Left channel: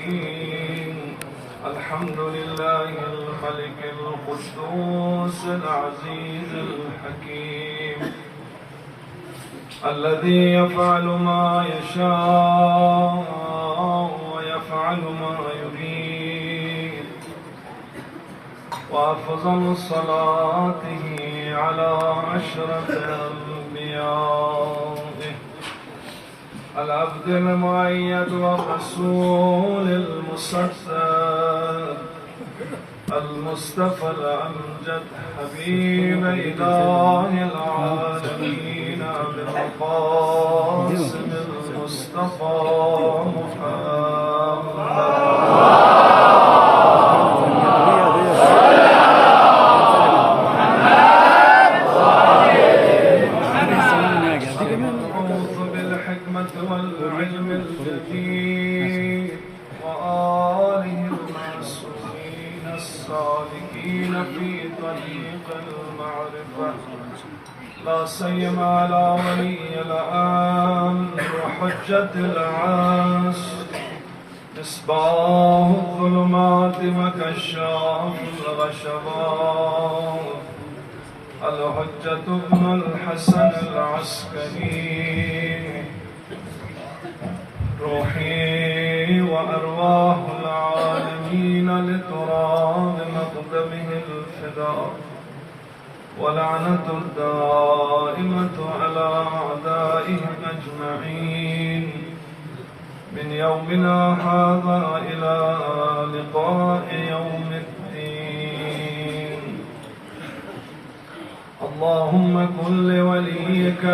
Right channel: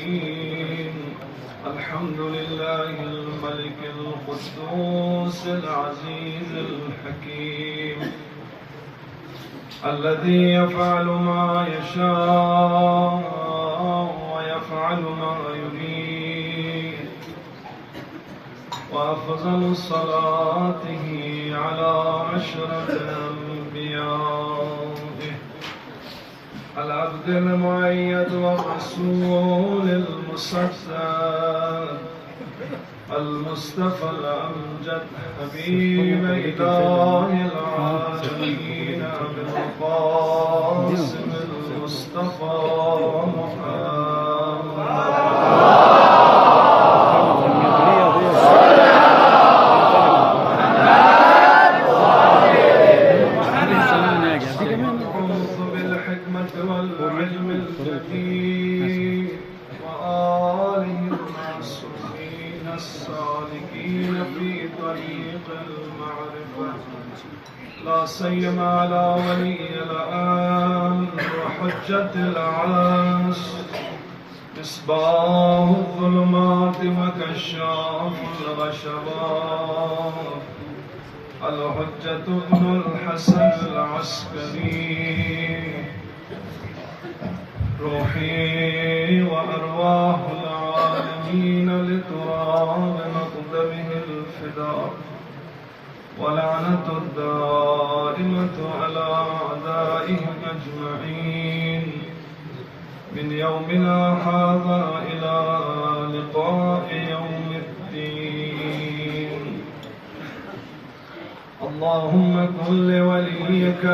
العالمين. الحمد لله الملك القدوس العزيز الحكيم الذي يفعل ما يشاء ويفعل ما يريد. وأفضل صلاته على أشرف أنبيائه العبد المؤيد والرسول المسدد المصطفى الأمجد حبيب إله العالمين بالمقاسم المصطفى والعلم الجديد وآله المعصومين الصالحين في طريق المعرفة، لا سيما على ولي الأمر وحجة العصر مصباح الظلمات وكشاف الغشبات الحجة ابن الحسن العسكري. روحي وأرواح العالمين لتراب مقدمه الفداء، ولعنة الدائمة على أعدائهم أجمعين من يومنا هذا إلى لقاء يوم الدين. اللهم كن لوليك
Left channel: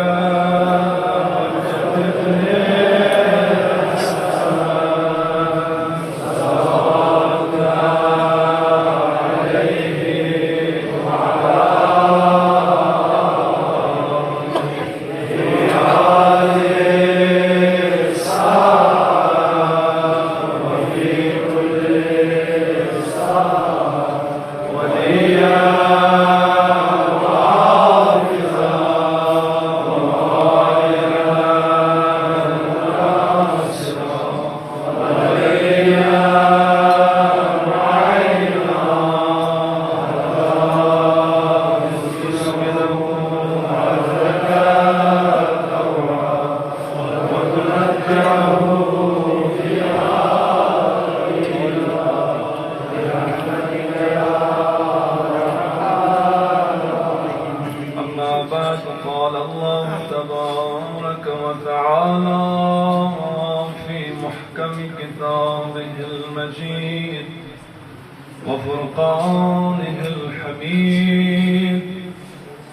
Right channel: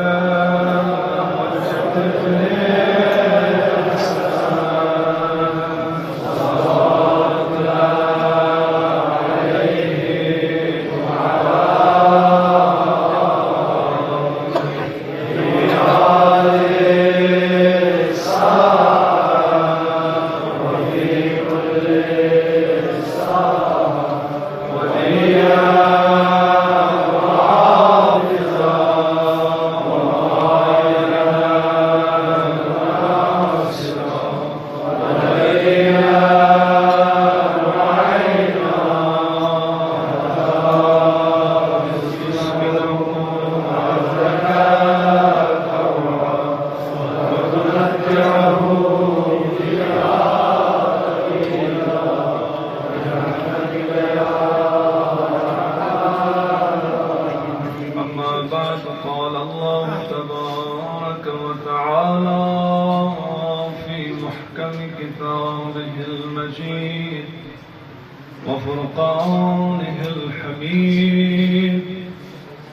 وفرقانه الحميد،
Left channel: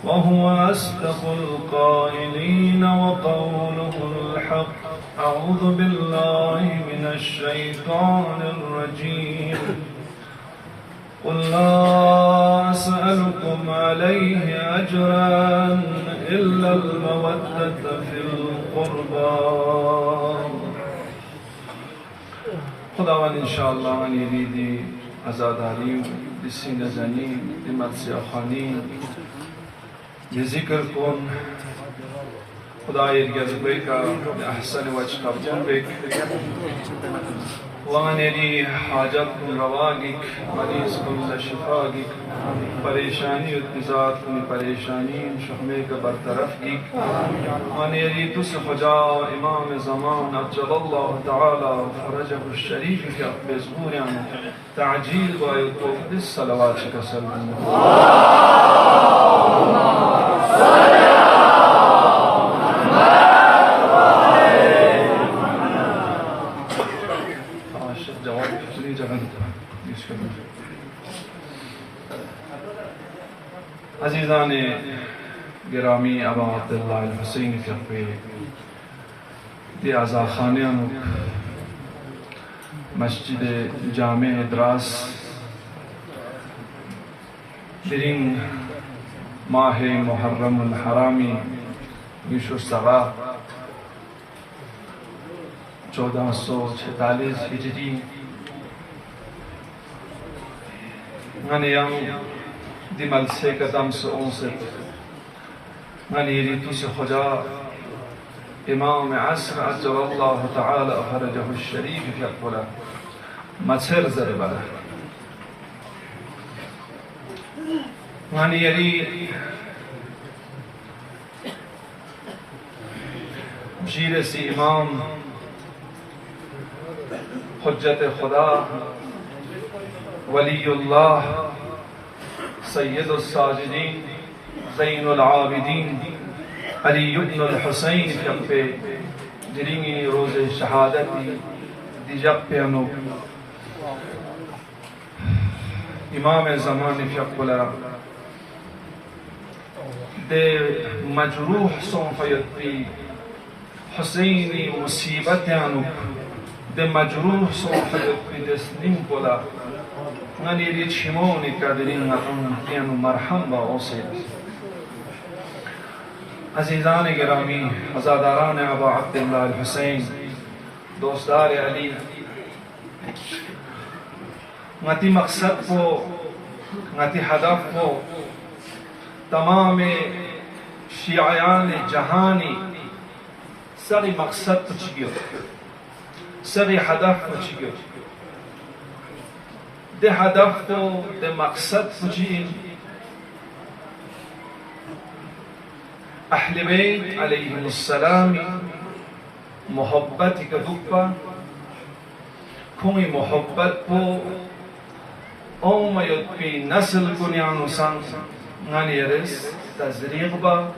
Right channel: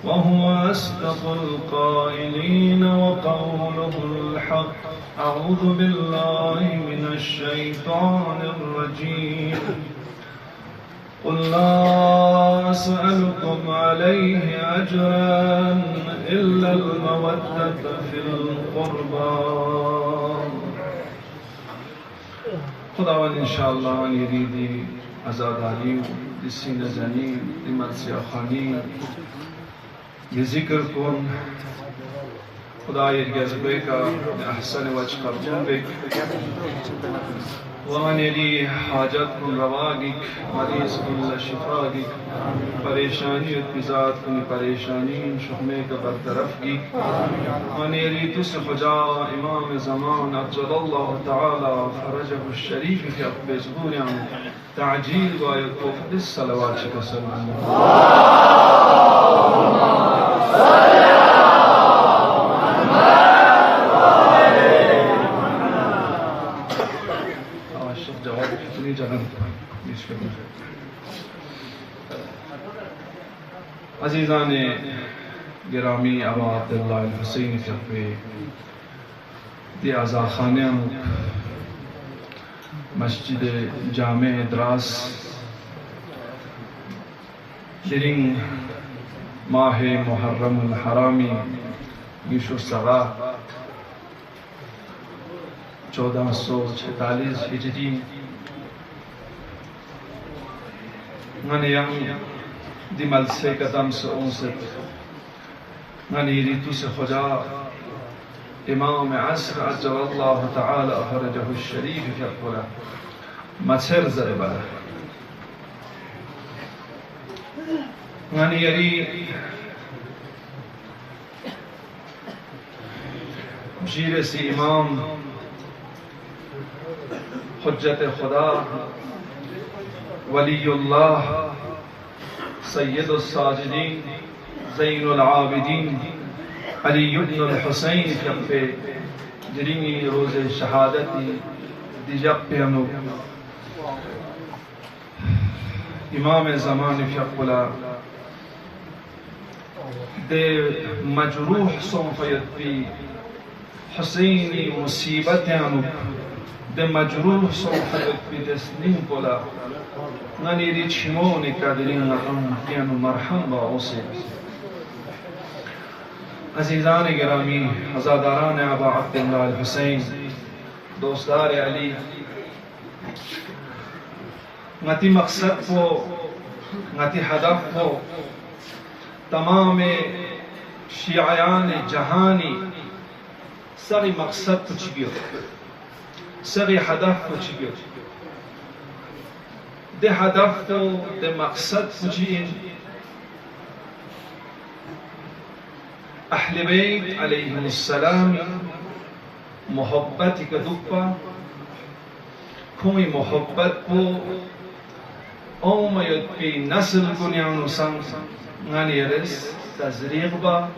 وهو أصدق القائلين وقوله الحق. أعوذ بالله من الشيطان الرجيم. قل لا أسألكم عليه أجرا إلا المودة في القربى. خداوند انشاءالله یریدی عزاداری دی سینه زنی دی مرسیه خانی دی ذکر کن. خدا یرگز بیتا احسن وجه قبول بک وانیری حاجت کن رواگی مریض کن شفاگی پریشانی اتنزاد کن پریشانی شحمے کا برطرف کی وانیری تس خجا امام زمان عجل اللہ تعالی فرجه الشریف کے اقبی زبوریاں تعجیل باید توفد السلوات شکر سلم عزیزان گرامی ابا عبداللہ الحسین فقوی دی عزاخانه مسجد جامع ادراس شرین ماہ محرم الحرامی 1446 ہجری غنیم दिमल से कदम से उनसे गनी रीतु से खुजा इमाम असर अज्जल अल्लाह ताला फरजहु शरीफ फक़ला Macer zarba Mani yari Jire si imam Hujjat Khuda Waliullah Sayyidul Sajidin Zainul Abidin Ali ibn al-Husayn Fiqpe Jirimi roze shahadati Dijab pe hanu Imam zaman Fiqula De majruh son fayatri Husayni musibat hanu De majruh son fayatri desnim pola Ngani ri chimone kadirin atam kianu marham ba ose Azizan Girami, Azadaran Aba Abdullah al-Husayn, Dostar Ali, Ngati maqsad ko, Ngati hadaf ko, Tamam Shiayan Jahani, Sari maqsad kuch gir, Sari hadaf kuch gir. De hadaf ko, de maqsad kuch in, أهل بيت عليهم السلام محبت كدوبا كوي محبت بو أو ما يدبي نسل بنيانو سان غاني يرس تزريق با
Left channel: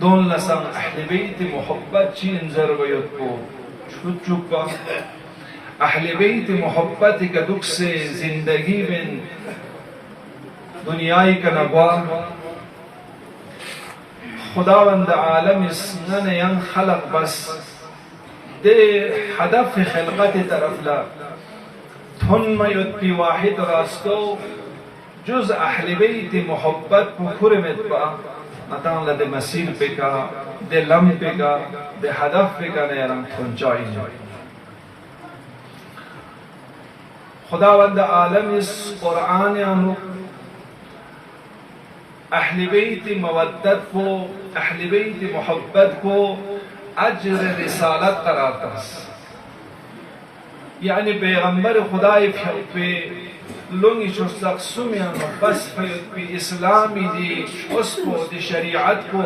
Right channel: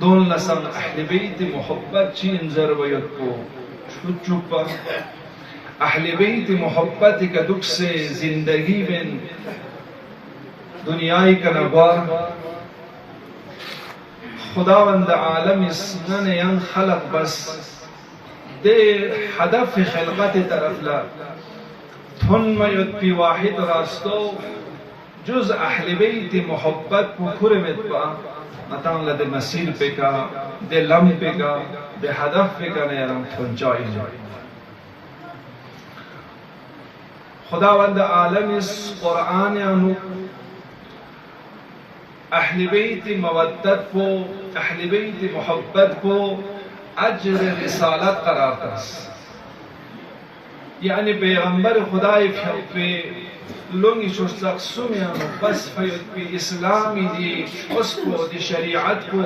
دون لسان أهل بيت محبت چين زر ويدبو شوچوبا أهل بيت محبت كدوك سے زندگی بن دنیای کنبا خداوند عالم اسمن ين خلق بس دے هدف خلقت طرف لا ثم يدبي واحد راستو جز اهل بیت محبت کو کرمت با مطان لدے مسیر پہ کا دے لم پہ کا دے هدف پہ کا نیران پہنچائی خداوند عالم اس قرآن انو اہل بیت مودت کو اہل بیت محبت کو اجر رسالت قرار دس یعنی پیغمبر خدای پہ لونگی شستق سمیان بس فید پی اسلامی دی شخص کو دی شریعت کو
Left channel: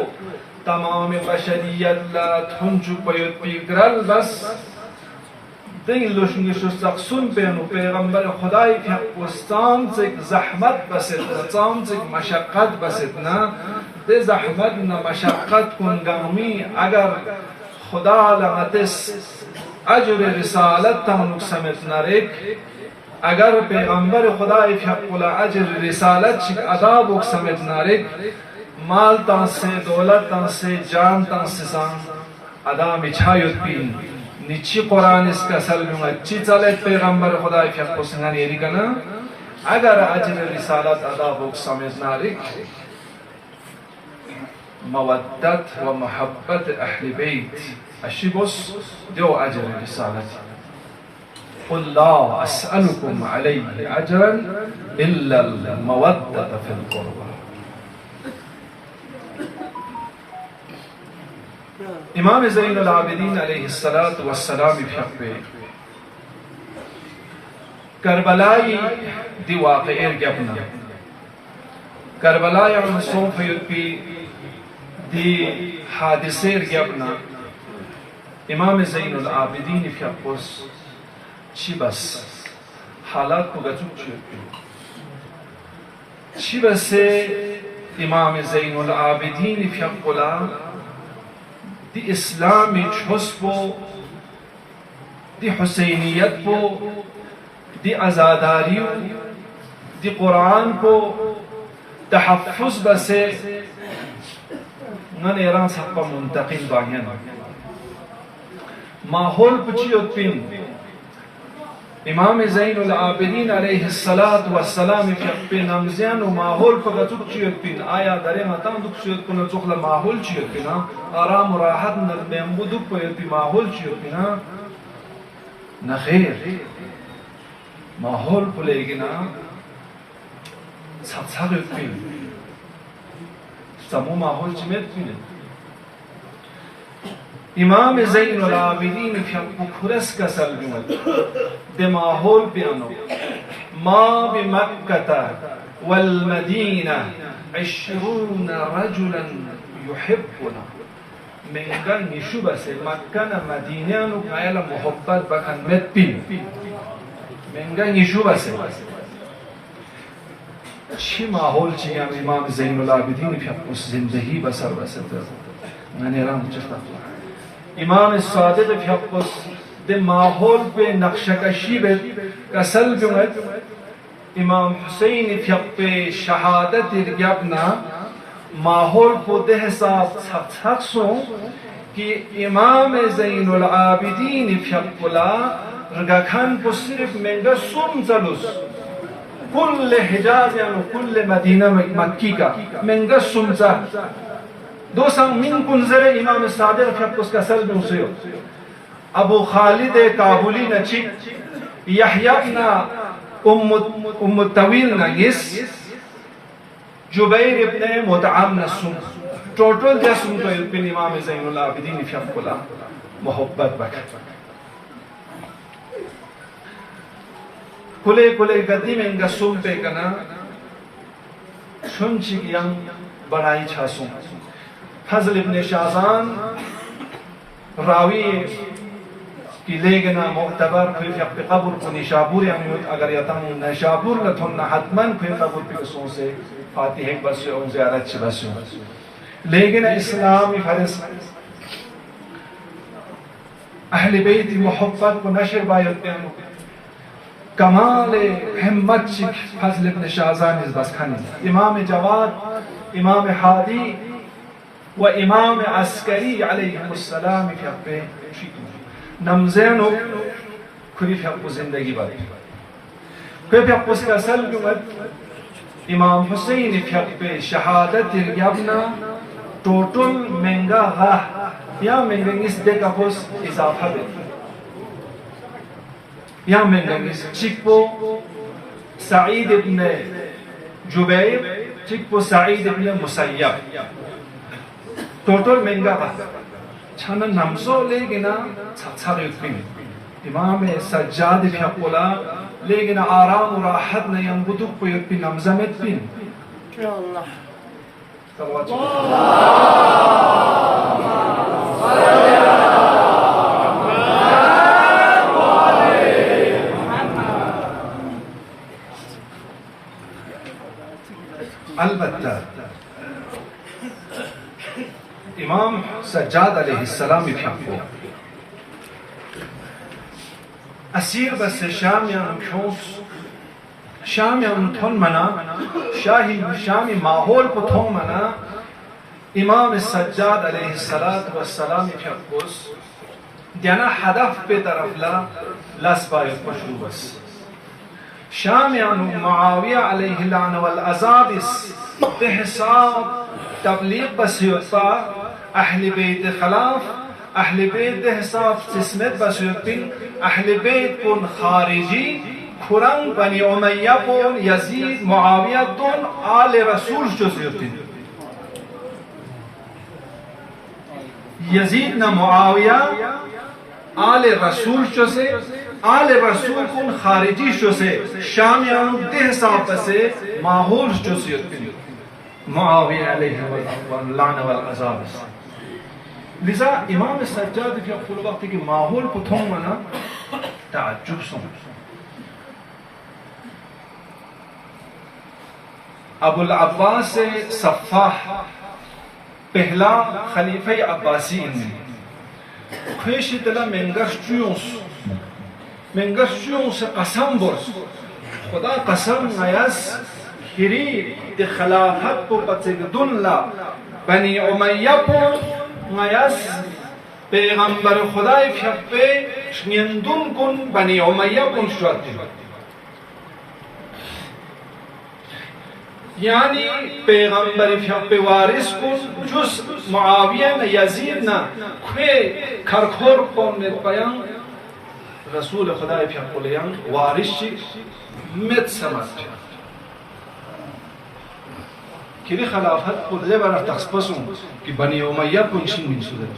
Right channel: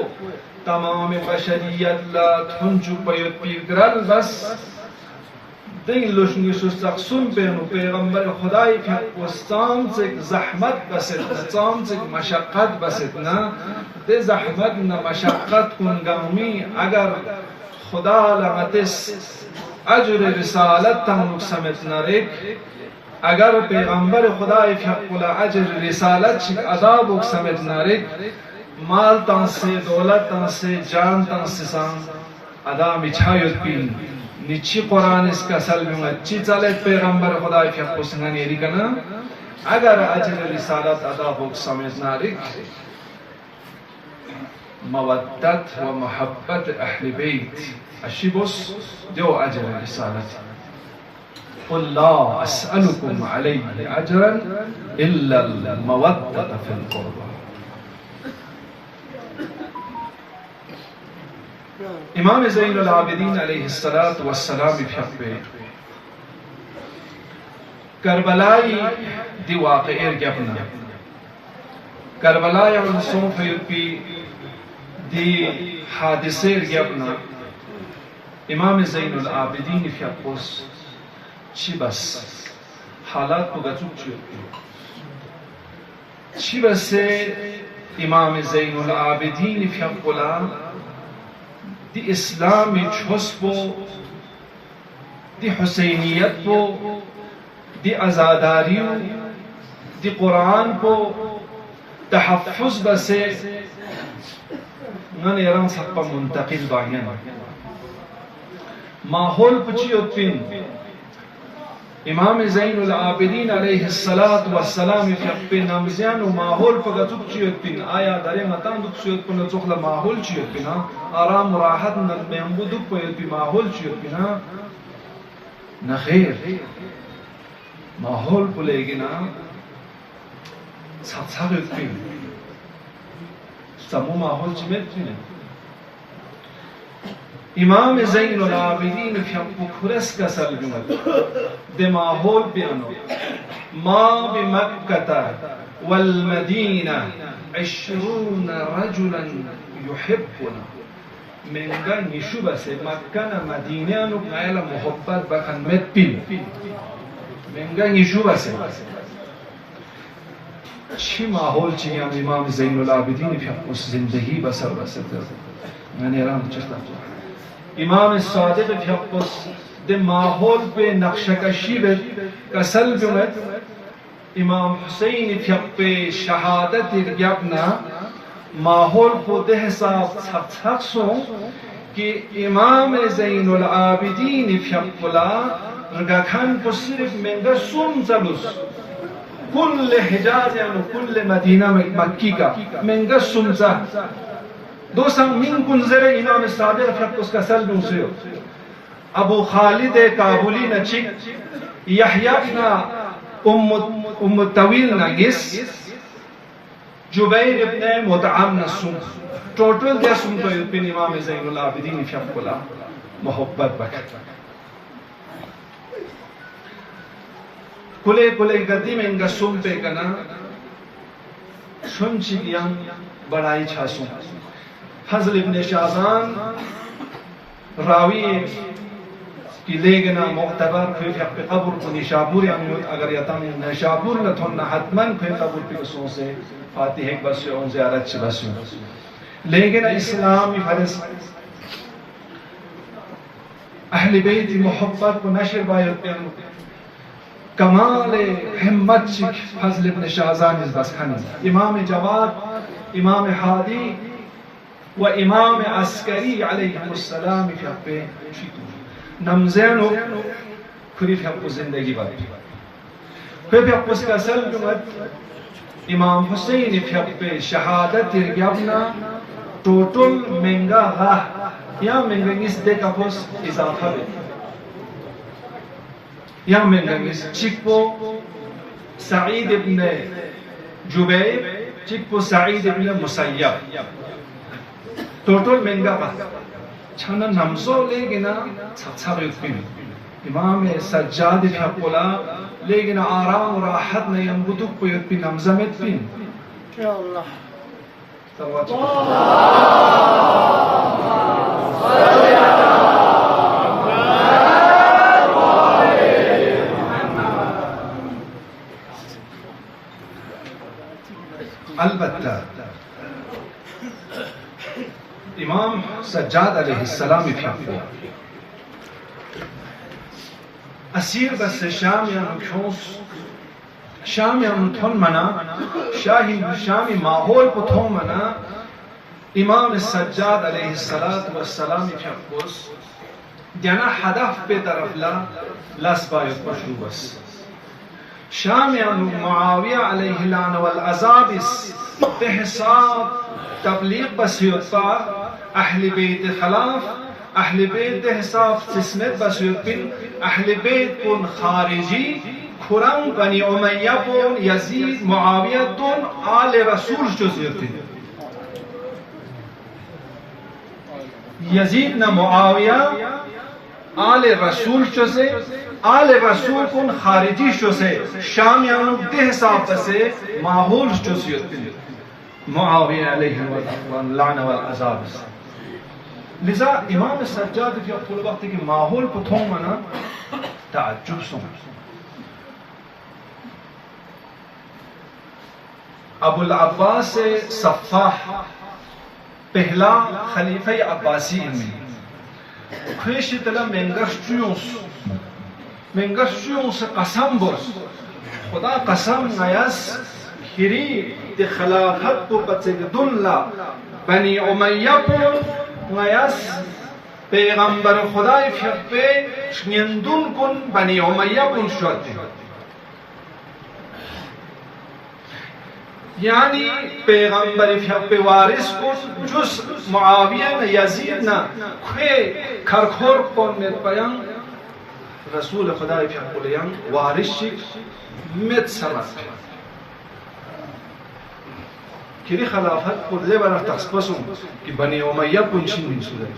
تمام بشریت لا تھنچو پید پی گرل بس دی لونگی شستق سم پینو پیغمبر خدای پہ استان سے زحمت بسیتنا تام سے مشقت بسیتنا دے زحمت نا مشقت کنگامی اگر خدا لغتس اجر رسالت تم سمتنا ریک اگر پیغمبر خدای فقل اجر رسالت شک عذاب سمتنا ریک مال تان سے دولت تان سے جان تان سے سان ادا مچھایت پین نیچی قرآن اس کا سلم اچھی چلت پیغمبر خدای فقل سنگانی ریکنا اگر اجر رسالت عذاب سمتنا ریک مودت و محبت اہل بیت اشی بس دو اجر رسالت قل لا اسألكم عليه اجرا الا المودة في القربى امام زین العابدین علیہ السلام فقبه کربلائی دی واقعیر گبنا کربلائی ونسون فیرپی دی حادثیر گبنا امام زین العابدین فقبس چی بس حالات کو گچوک چی بس امام زین العابدین فقبلا دی اسلامی چھسبو دی حسینیت کو دی ازاداریو دی قرآن کو تحفظ بسے من ایران سقبا منتقل باہین ماحول پچیوت پین امام زین العابدین علیہ السلام فی نمزیان و ماحول پا گتوک چیوت پین آیا دارے مطان دوک چیوت پین چوخلا ماحول چیوت پین آرام و راحت نرمبو دوک پین پی ماحول چیوت پین نخیر ماحول پلے گنا ساتھ پین سمو ماحول چیمت پین इमाम ज़ैनुल आबिदीन फ्यक्कु खुरस का सलगमत दे माहौल पे अनो मा बिमक्कता वल Medina 20 रजुलन युहिब्बुना menga nishuba se makkana madinanu maela muhabbat bakan metpin menga nishuba se چی ماحول چی هم امام زین العابدین فی زندگی بسر بسر یعنی رام چشتا امام صادق فی ده ماحول به نقشکشی به کسل بمد امام حسین فی شهادت یبنا ماحول په ده حساب څخه कि इमाम ज़ैनुल आबिदीन फ्यक्कुला रगाखान को सिर्फ मेंगा सुम चलुस कुल हिजाज या कुल मदीना मक्की का मेंगा सुम चा दो संग मिन कुंजरे इमाम सादिक फ्यक्कुस का सल मुसियो अबू खालिद काबुली नचिक यहया इब्न उम्म तवील नगिस जुबैर इब्न मुतअम नसुम टोटल जैसुम तो इल्पिन इमाम ज़ैनुल आबिदीन फ्यक्कुला मोहब्बत बक कुले कुले गद्दी में इनका सुम पे कना सुन चिकियां बड़ाई छासुम फजल इब्न शाज़ान रावी की लेगना मुअतबर फिर पे कब्र को निशापुर या अगर यतम निशापुर लथुन हतमन फिर कब्र पे सों से फातिहा बस और ज़ियारत च बस लेकिन इस्लामी फर्ज अहले बैत मोहब्बत को नशर बायत कमाल हिम्मत फजल इब्न शाज़ान बस खानी इमाम जवाद इमाम हादी व इमाम अस्करी अलैहिमुस्सलाम पे नमज़ेनो खुरी फक्को जिंदगी बात पे फक्को का सल इमाम हुसैन पे शहादत यबना टोटल महंगा हा या महंगा इस दे का पोस इजाफा दे या महंगा इस चिप्पो सईद इब्न जुबैर चिप्पो सईद इब्न मुसय्यब टोटल महंगा हा छाना नमसो लेगिना छाछार युद्ध इमाम सज्जाद फ्यक्कुला लेकिन आराम और राहत नहीं अनबुदुक को युद्ध नमज़मेत बिन अल्लाह अलबत्ता इमाम सज्जाद अलैहिस्सलाम फ्यक्को असीर बस शाम या नुशोस शाम या नुथन मना शाही शामी माहौल को थों मना इमाम सज्जाद अलैहिस्सलातु वस्सलाम फ्यक्कोस जना हदफ पे तरफ ला लस बायत मशरूबस शाम या मुआविया अलैहि लान वल अज़ाबिस बेहसाब तबलीग बसियता अहले बैत खिलाफ अहले बैत हिसाब जिसमें बसियतिन अहले बैत कुन खारिजी खुरंग बनी उमय्या कुन यजीद मुआविया तुन आले रसूल जुज़यतिन यजीद न मुआविया आले रसूल जुज़े आले रसूल कुन खारिजी जुज़े शामियान दे हिसाब से माहौल जुज़यतिन मुआविया अलैहि लान वल अज़ाब लिजा इमाम सज्जाद के फुल वक्त की माहौल को थों मना ताज्जुब सुन अबुल अब्बास सफ़ाह पहला खलीफा अब्बासी खुश तला मेंगर्शुयों से कसम बोस खुदा कसम गयस खिरी दे खिलाफत को बचे दुल्ला बनी उमय्या को गयस पैगंबर खुदाई फ्यक्पे निंदुन कुन बनी उमय्या कुन शुअते यानी पैगंबर फ्यक्पे वारिस कुन जुस मुआविया न यजीद न खे खरखोर कौन में पयंग रसूल खुदाई फ्यक्पे यंग वारिस मित समझ किरी खिलाफत को लेबर तख्सपसुं कि बनी उमय्या कुन शिन सुदर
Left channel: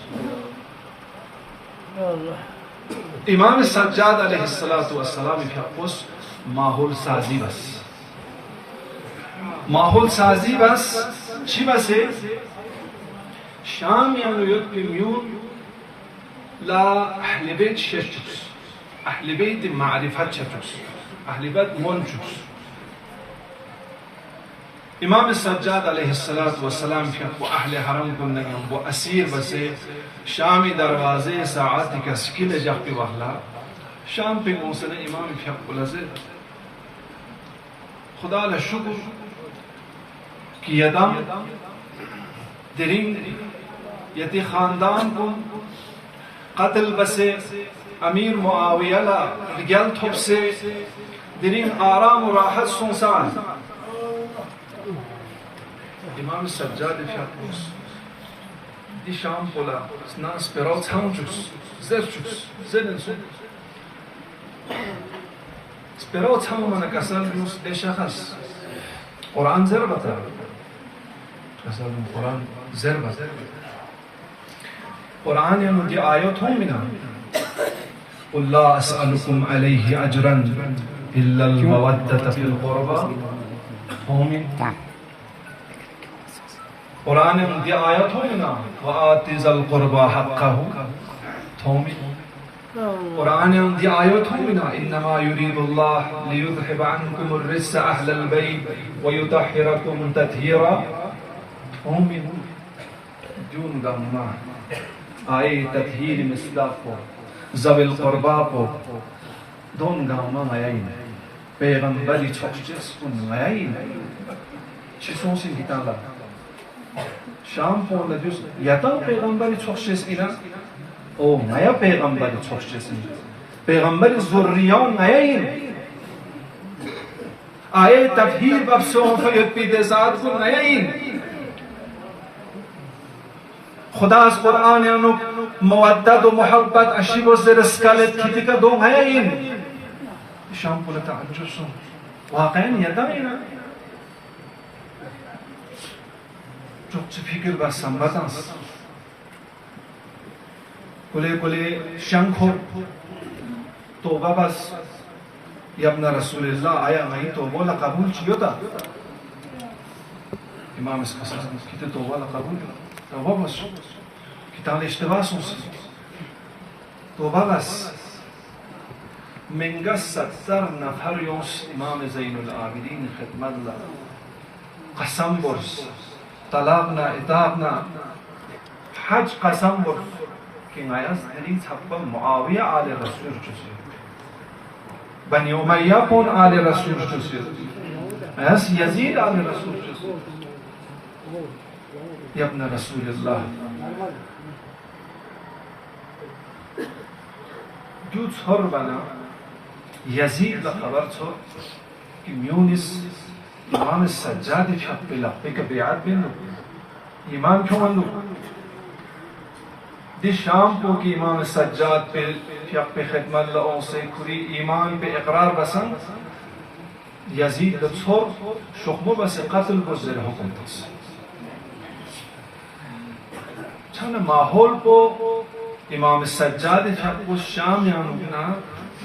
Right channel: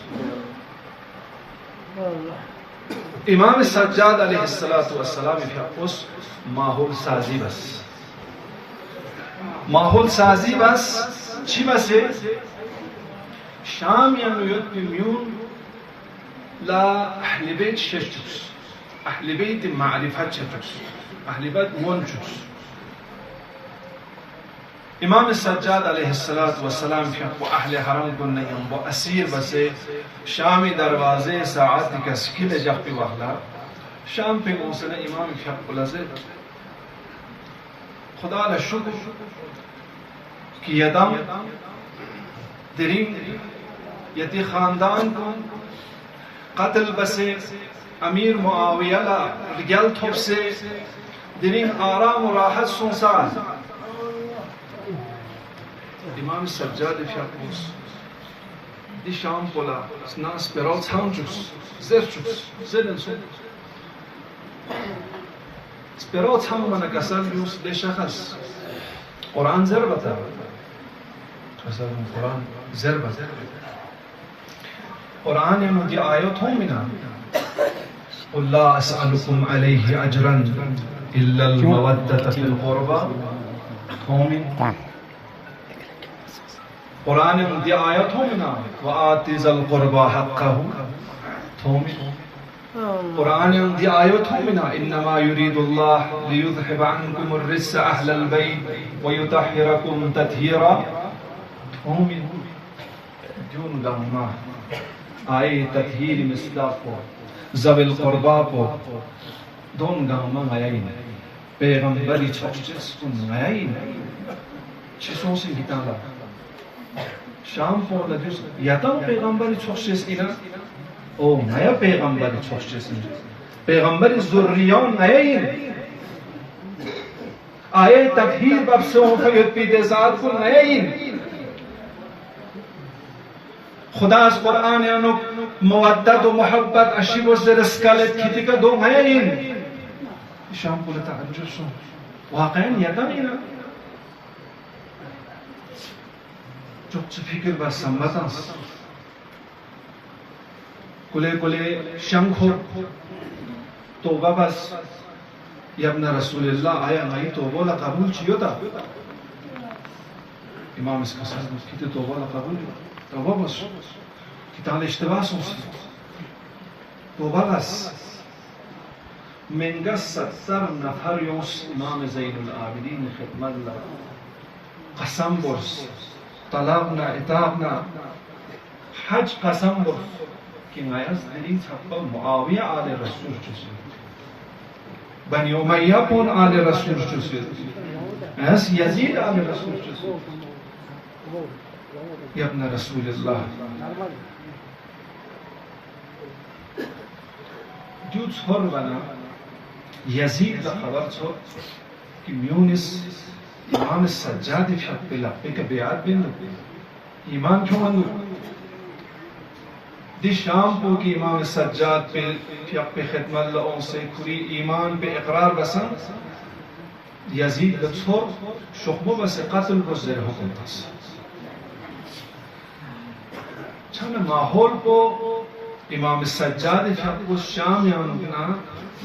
इमाम सज्जाद अलैहिस्सलातु वस्सलाम फुस माहौल साजी बस ची बसे शाम या म्यून ला अहल बैत शतुस अहल बैत मारिफत शतुस अहल बैत मोनचुस इमाम सज्जाद अलैहिस्सलातु वस्सलाम के अहल हरम को वो असीर बसे शामी दरवाजे साआत का स्किल जब पे वाला शाम पे मौसला इमाम फियकुलज़र खुदा ला शुक्र कि यदम दरिंग यति खानदान को कत्ल बसे अमीर मुआविया ला गल थोप से दरिंग आराम और राहत सुनसान इमाम सज्जाद फियकुस दी शाम पोला ना स्पेरोल छांचुस ज़रचुस स्पेरोल छांग मन कसर यूस बेशखस कुरान ज़रबता कसर कुरान ज़रबता कुरान में मुझे आयत हो मिना अल्लाह अस्अलुकुम अलैहि अजरन इल्ला अल मवद्दत फिल क़ुरबा होमिन कुरान में मुझे आयत हो मिना व आतिज़ल क़ुरबा हक़्क़हु होमिन कुरान में मुझे आयत हो मिना इन्नमा युरीदुल्लाह लियुज़हिब अन्कुम अर्रिज्स अहलल बैत व युतहिरकुम तत्हीरा होमिन जून गम्मा आए तत्हीर मिसदाक़ को ज़विल क़ुरबा को दोन गम्मा आयीन पैगंबरी छोक्चस को आयीन चिसों से गिताला शाम को लजुस याता पैगंबरी छोक्चस इना ओ नया पैगंबरी छोक्चस पैगंबरी ज़ुर्रियान आयीन आए तत्हीर बफ्सों फयत पिदेसात को आयीन खुदा कुरान अनुक मवद्दत व मोहब्बत अशीब व ज़रस्कालेत खितिका दो आयीन शाम को लता अजुस वाक़ईन याता इना çok fikir bas sambatans kule shankho tawba bas ya ibn rasulillah aya nahi tawba la qabul chiyo ta imam iskasa kite tawba la qabul tawba bas kitan le ishtibah sonsi tawba bas menga 70 nafar yons imam zainul abidin khidmat la qasam bors طلبنا إطابنا حج قسم بر कि आयस दरी छप्पा मुआविया आले रसूल चुसे बनी Umayya पुन आले रसूल चुसे आयस यजीद आले रसूल चुसे या इब्न रसूलुल्लाह दूध छोर बना यजीद ला खबर छो कि म्यूनिस इमाम सज्जाद फियकुला एक बेआत बिंदु इमाम क्यों बंदु दी शाम को कि इमाम सज्जाद पे फियक पे खिदमत लाओं से कुरी ईमान पे इकरार बसन यजीद लछोर शुख्बो बस कत्ल को ज़र हुक्म तस छन माहौल को इमाम सज्जाद फियकुस शाम यानुना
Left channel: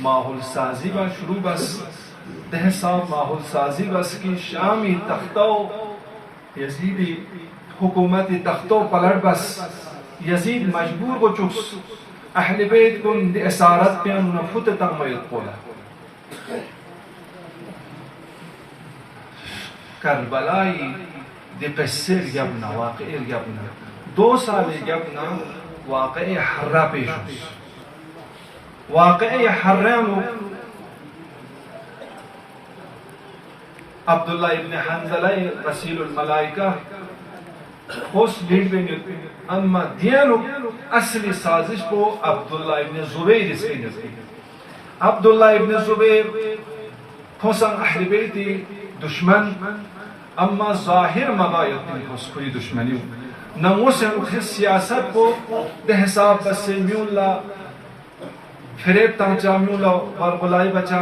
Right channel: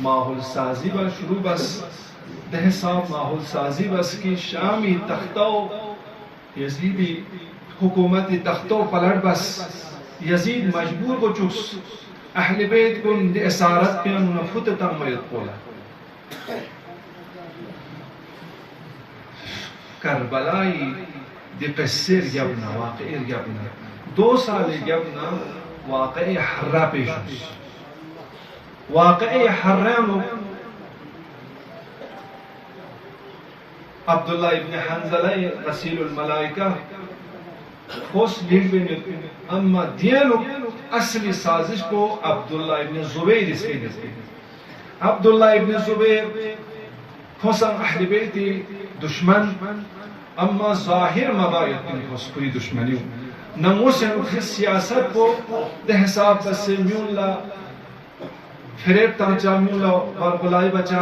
माहौल साजी बा शुरू बस दह साहब माहौल साजी बस की शामी तख्तो यजीदी हुकूमत तख्तो पलट बस यजीद मजबूर को चुस अहल बैत को इसारत पे नफुत तमयत बोला करबलाई दिकसर यबना वाक़ई यबना 2 साल यबना वाक़ई हर्रा पेशुस वाक़ई हर्रा अब्दुल्ला इब्न हंज़ला रसीलुल मलाइका होस लीड देंगे अम्मा दियानो असली साजिश को अब्दुल्ला इब्न ज़ुबैर इसके नज़दीक अब्दुल्ला इब्न ज़ुबैर खोसन अहल बैती दुश्मन अम्मा ज़ाहिर मबायत में कोई दुश्मनी नमूस सियासत को दे हिसाब बस म्यूला फिरेब तांचा म्यूला बरगुलाई बचा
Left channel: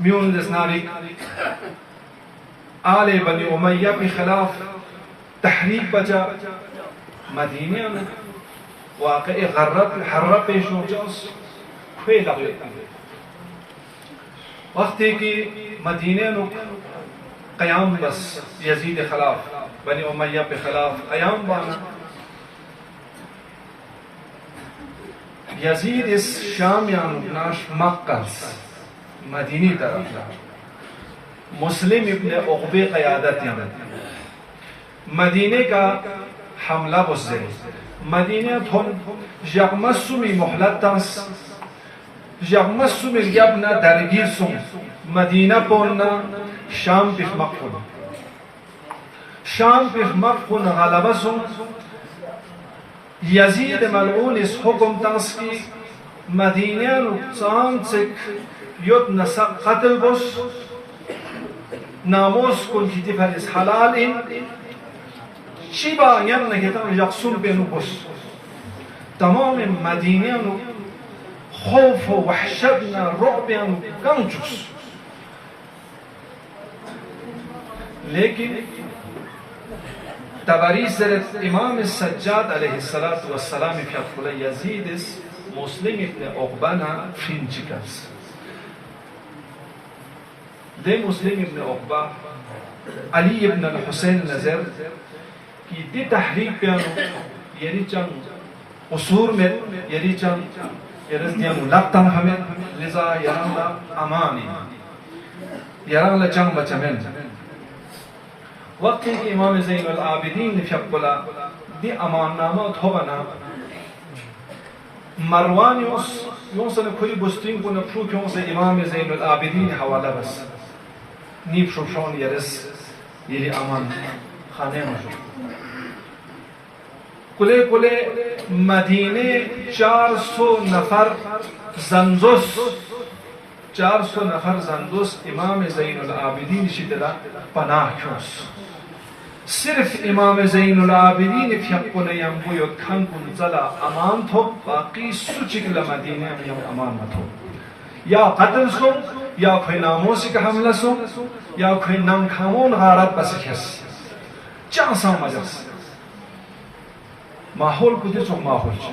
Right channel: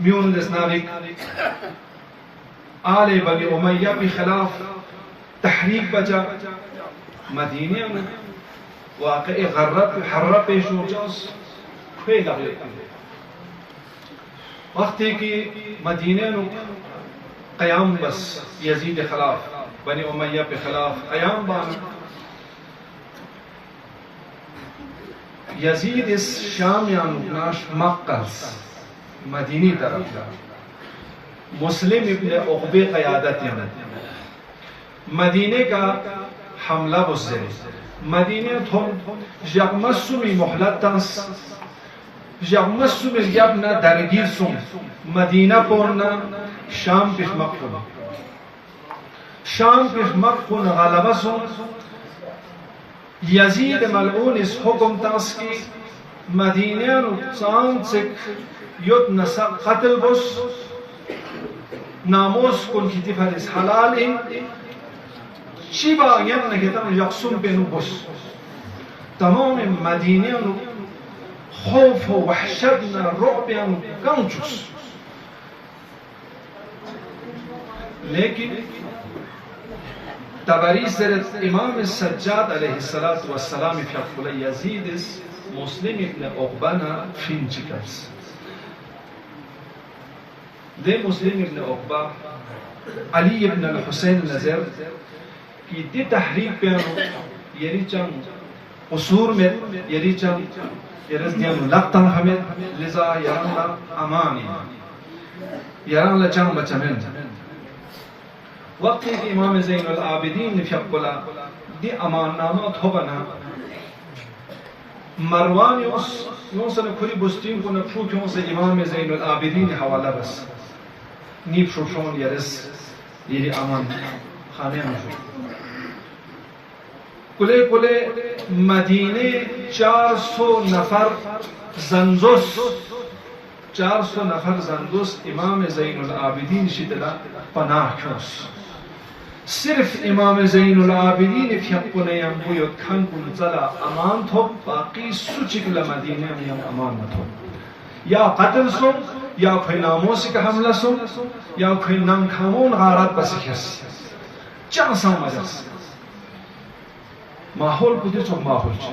म्यूल दसनारिक आले बनी उमय्या के खिलाफ तहरीक बचा मदीने में واقع غرب حرب پیش ہو جاس کھوے لگے وقتی کی مدینہ نو قیام بس یزید خلاف بنی امیہ پہ خلاف قیام بانا یزید اس شام یعنی ناش مقص مدینی طرف جا مسلم ابن عقبہ قیادت یعنی مدینہ کا حملہ بزدے مدینہ تھون یغمسومی محلتانس یغمسومی یبنا درگیر سوم مدینہ پورنا شام پیش مقفون شام پیش مقفون غلبہ سوم یزید ملعون اس حکم تانس کی مدینہ نقصان سک یود نسق قتل بس ناموس کن کی تفرس حلال ان شیبا یم نکتن یقصون بینو بس تمام مدینہ نو خوف و وحشتنا رعبیانو کنچوس لیکن تبری سرت امام السجاد علیہ السلام فی اقبل یزید مسلم ابن عقبانا فرینچکرس دے مسلم ابن عقبہ علی ابن الحسین نظر کی دی تحریک پیانو یری چند قصور میں یری چند یرز دیان لقتن حمد لذا یران لا امانی یران لا چند بچمن وقتی کہ امام زین العابدین فیقبلا دی امان نامات ہو بنا مروان یونسن کھلی بستین کو نفروک یونس امام زین العابدین حوالہ بس نیب شوشان یرس یری امان خانے مجھو کلے کلے مدینہ 400 نفر زندوس 400 نفر زندوس امام زین العابدین شدلا پناہ کیوس صرف امام زین العابدین فیقن یمبوی کھن کن زلا امان تھو باقی سوچکل مدینہ یم امان تھو یا قتل سو یا کوئی ناموسی کا حملہ سو یا کوئی ننکھامون غارت بسکھس چانسا مجلس ماحول کو دیسو ماحول چھو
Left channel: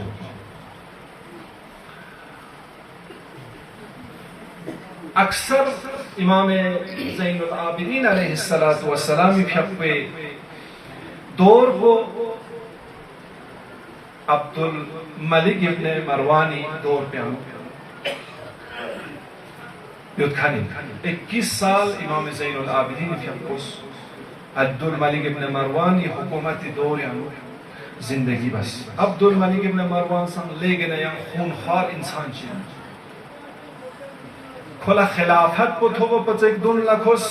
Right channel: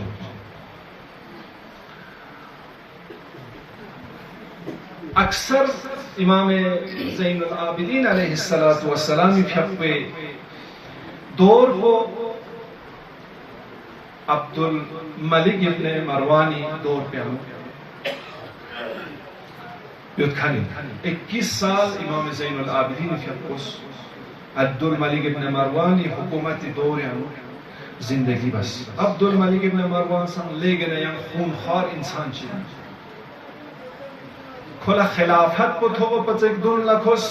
اکثر امام زین العابدین علیہ السلام پھیپے دور کو عبد الملک ابن مروانی دور پہ ہم یدکھانی 21 سال امام زین العابدین پھیپوس عبد الملک ابن مروانی حکومت دور ہم زندگی بس عبد الملک ابن مروان سن لے گئے یم خونخوار انسان چیئے کھلا خلافت کو تھو پچک دون لکھوس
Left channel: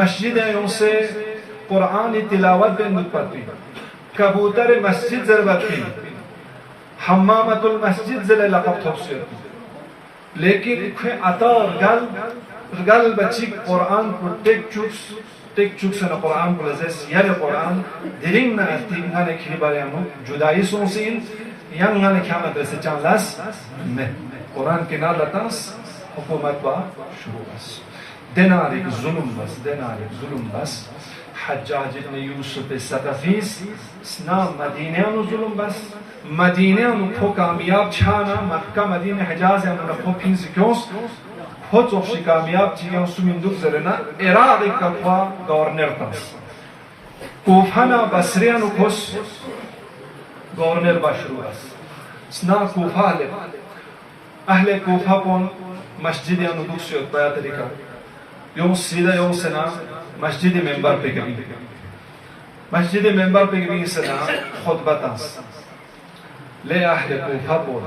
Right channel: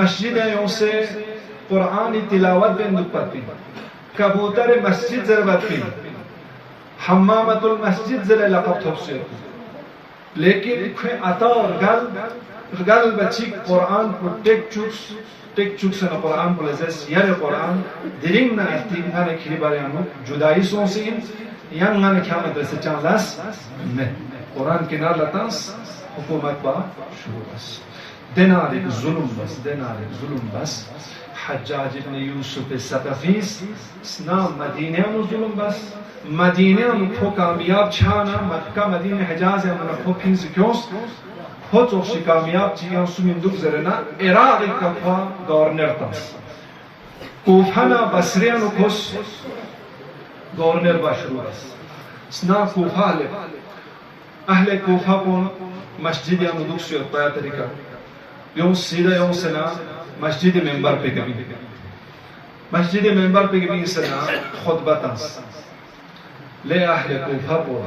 مسجد یوں سے قرآن تلاوت بے نتپتی کبوتر مسجد ضربتی حمامت المسجد زل لقب تھوسیتی لیکن کھوے عطا اور گل بچی قرآن کو ٹیک چوکسن قرآن کو لزیس یر قرآن دلنگ نا ارتیم گانے کھلی بارے ہمو جدائی سونسین یم گانے کیا مدرسے چان لاس میں قرآن کے نار لطنس حکومت با شروع بس دینار ایک ظلم بس حجاج ابن یوسف ثقفیس سنا مدینہ نو ظلم بس مدینہ نو کھو کامیاب چھانا مکہ مدینہ حجاز ہے انہا کھو پھین سکیوس کھو چوکشی کامیاب چیئے سمندوک زرنا عراق ایک کھوا گورنر تاس کوفانا بسریہ نو کھوس گورنر با شروع بس سنا کوفا لے اہل کوفہ کون مسجد یا ندوک سیوت پایا طریقہ یوں سیدھا یوں سنا مسجد ممبر پہ کبھی مسجد ممبر پہ کبھی سنا خطبہ تاس لے اہل کوفہ کون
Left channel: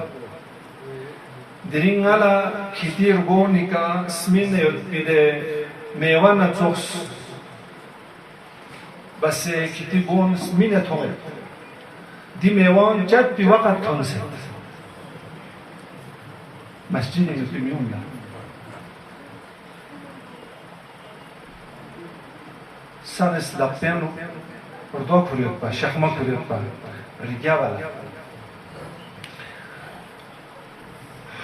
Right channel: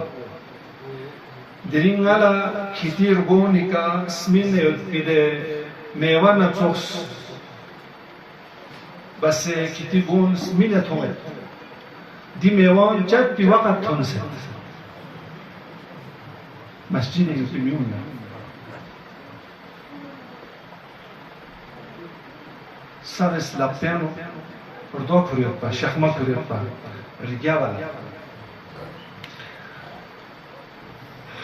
درینگالا کتیر گونی کا سمین پیدے میوان چوکس بس کتیر گون سمین تھوئے دی میوان چد پی وقت تھون سے مسجد مسلمیون دا سر اسلابتینو اردو کریت با شخمه کریت با ریگیا بالا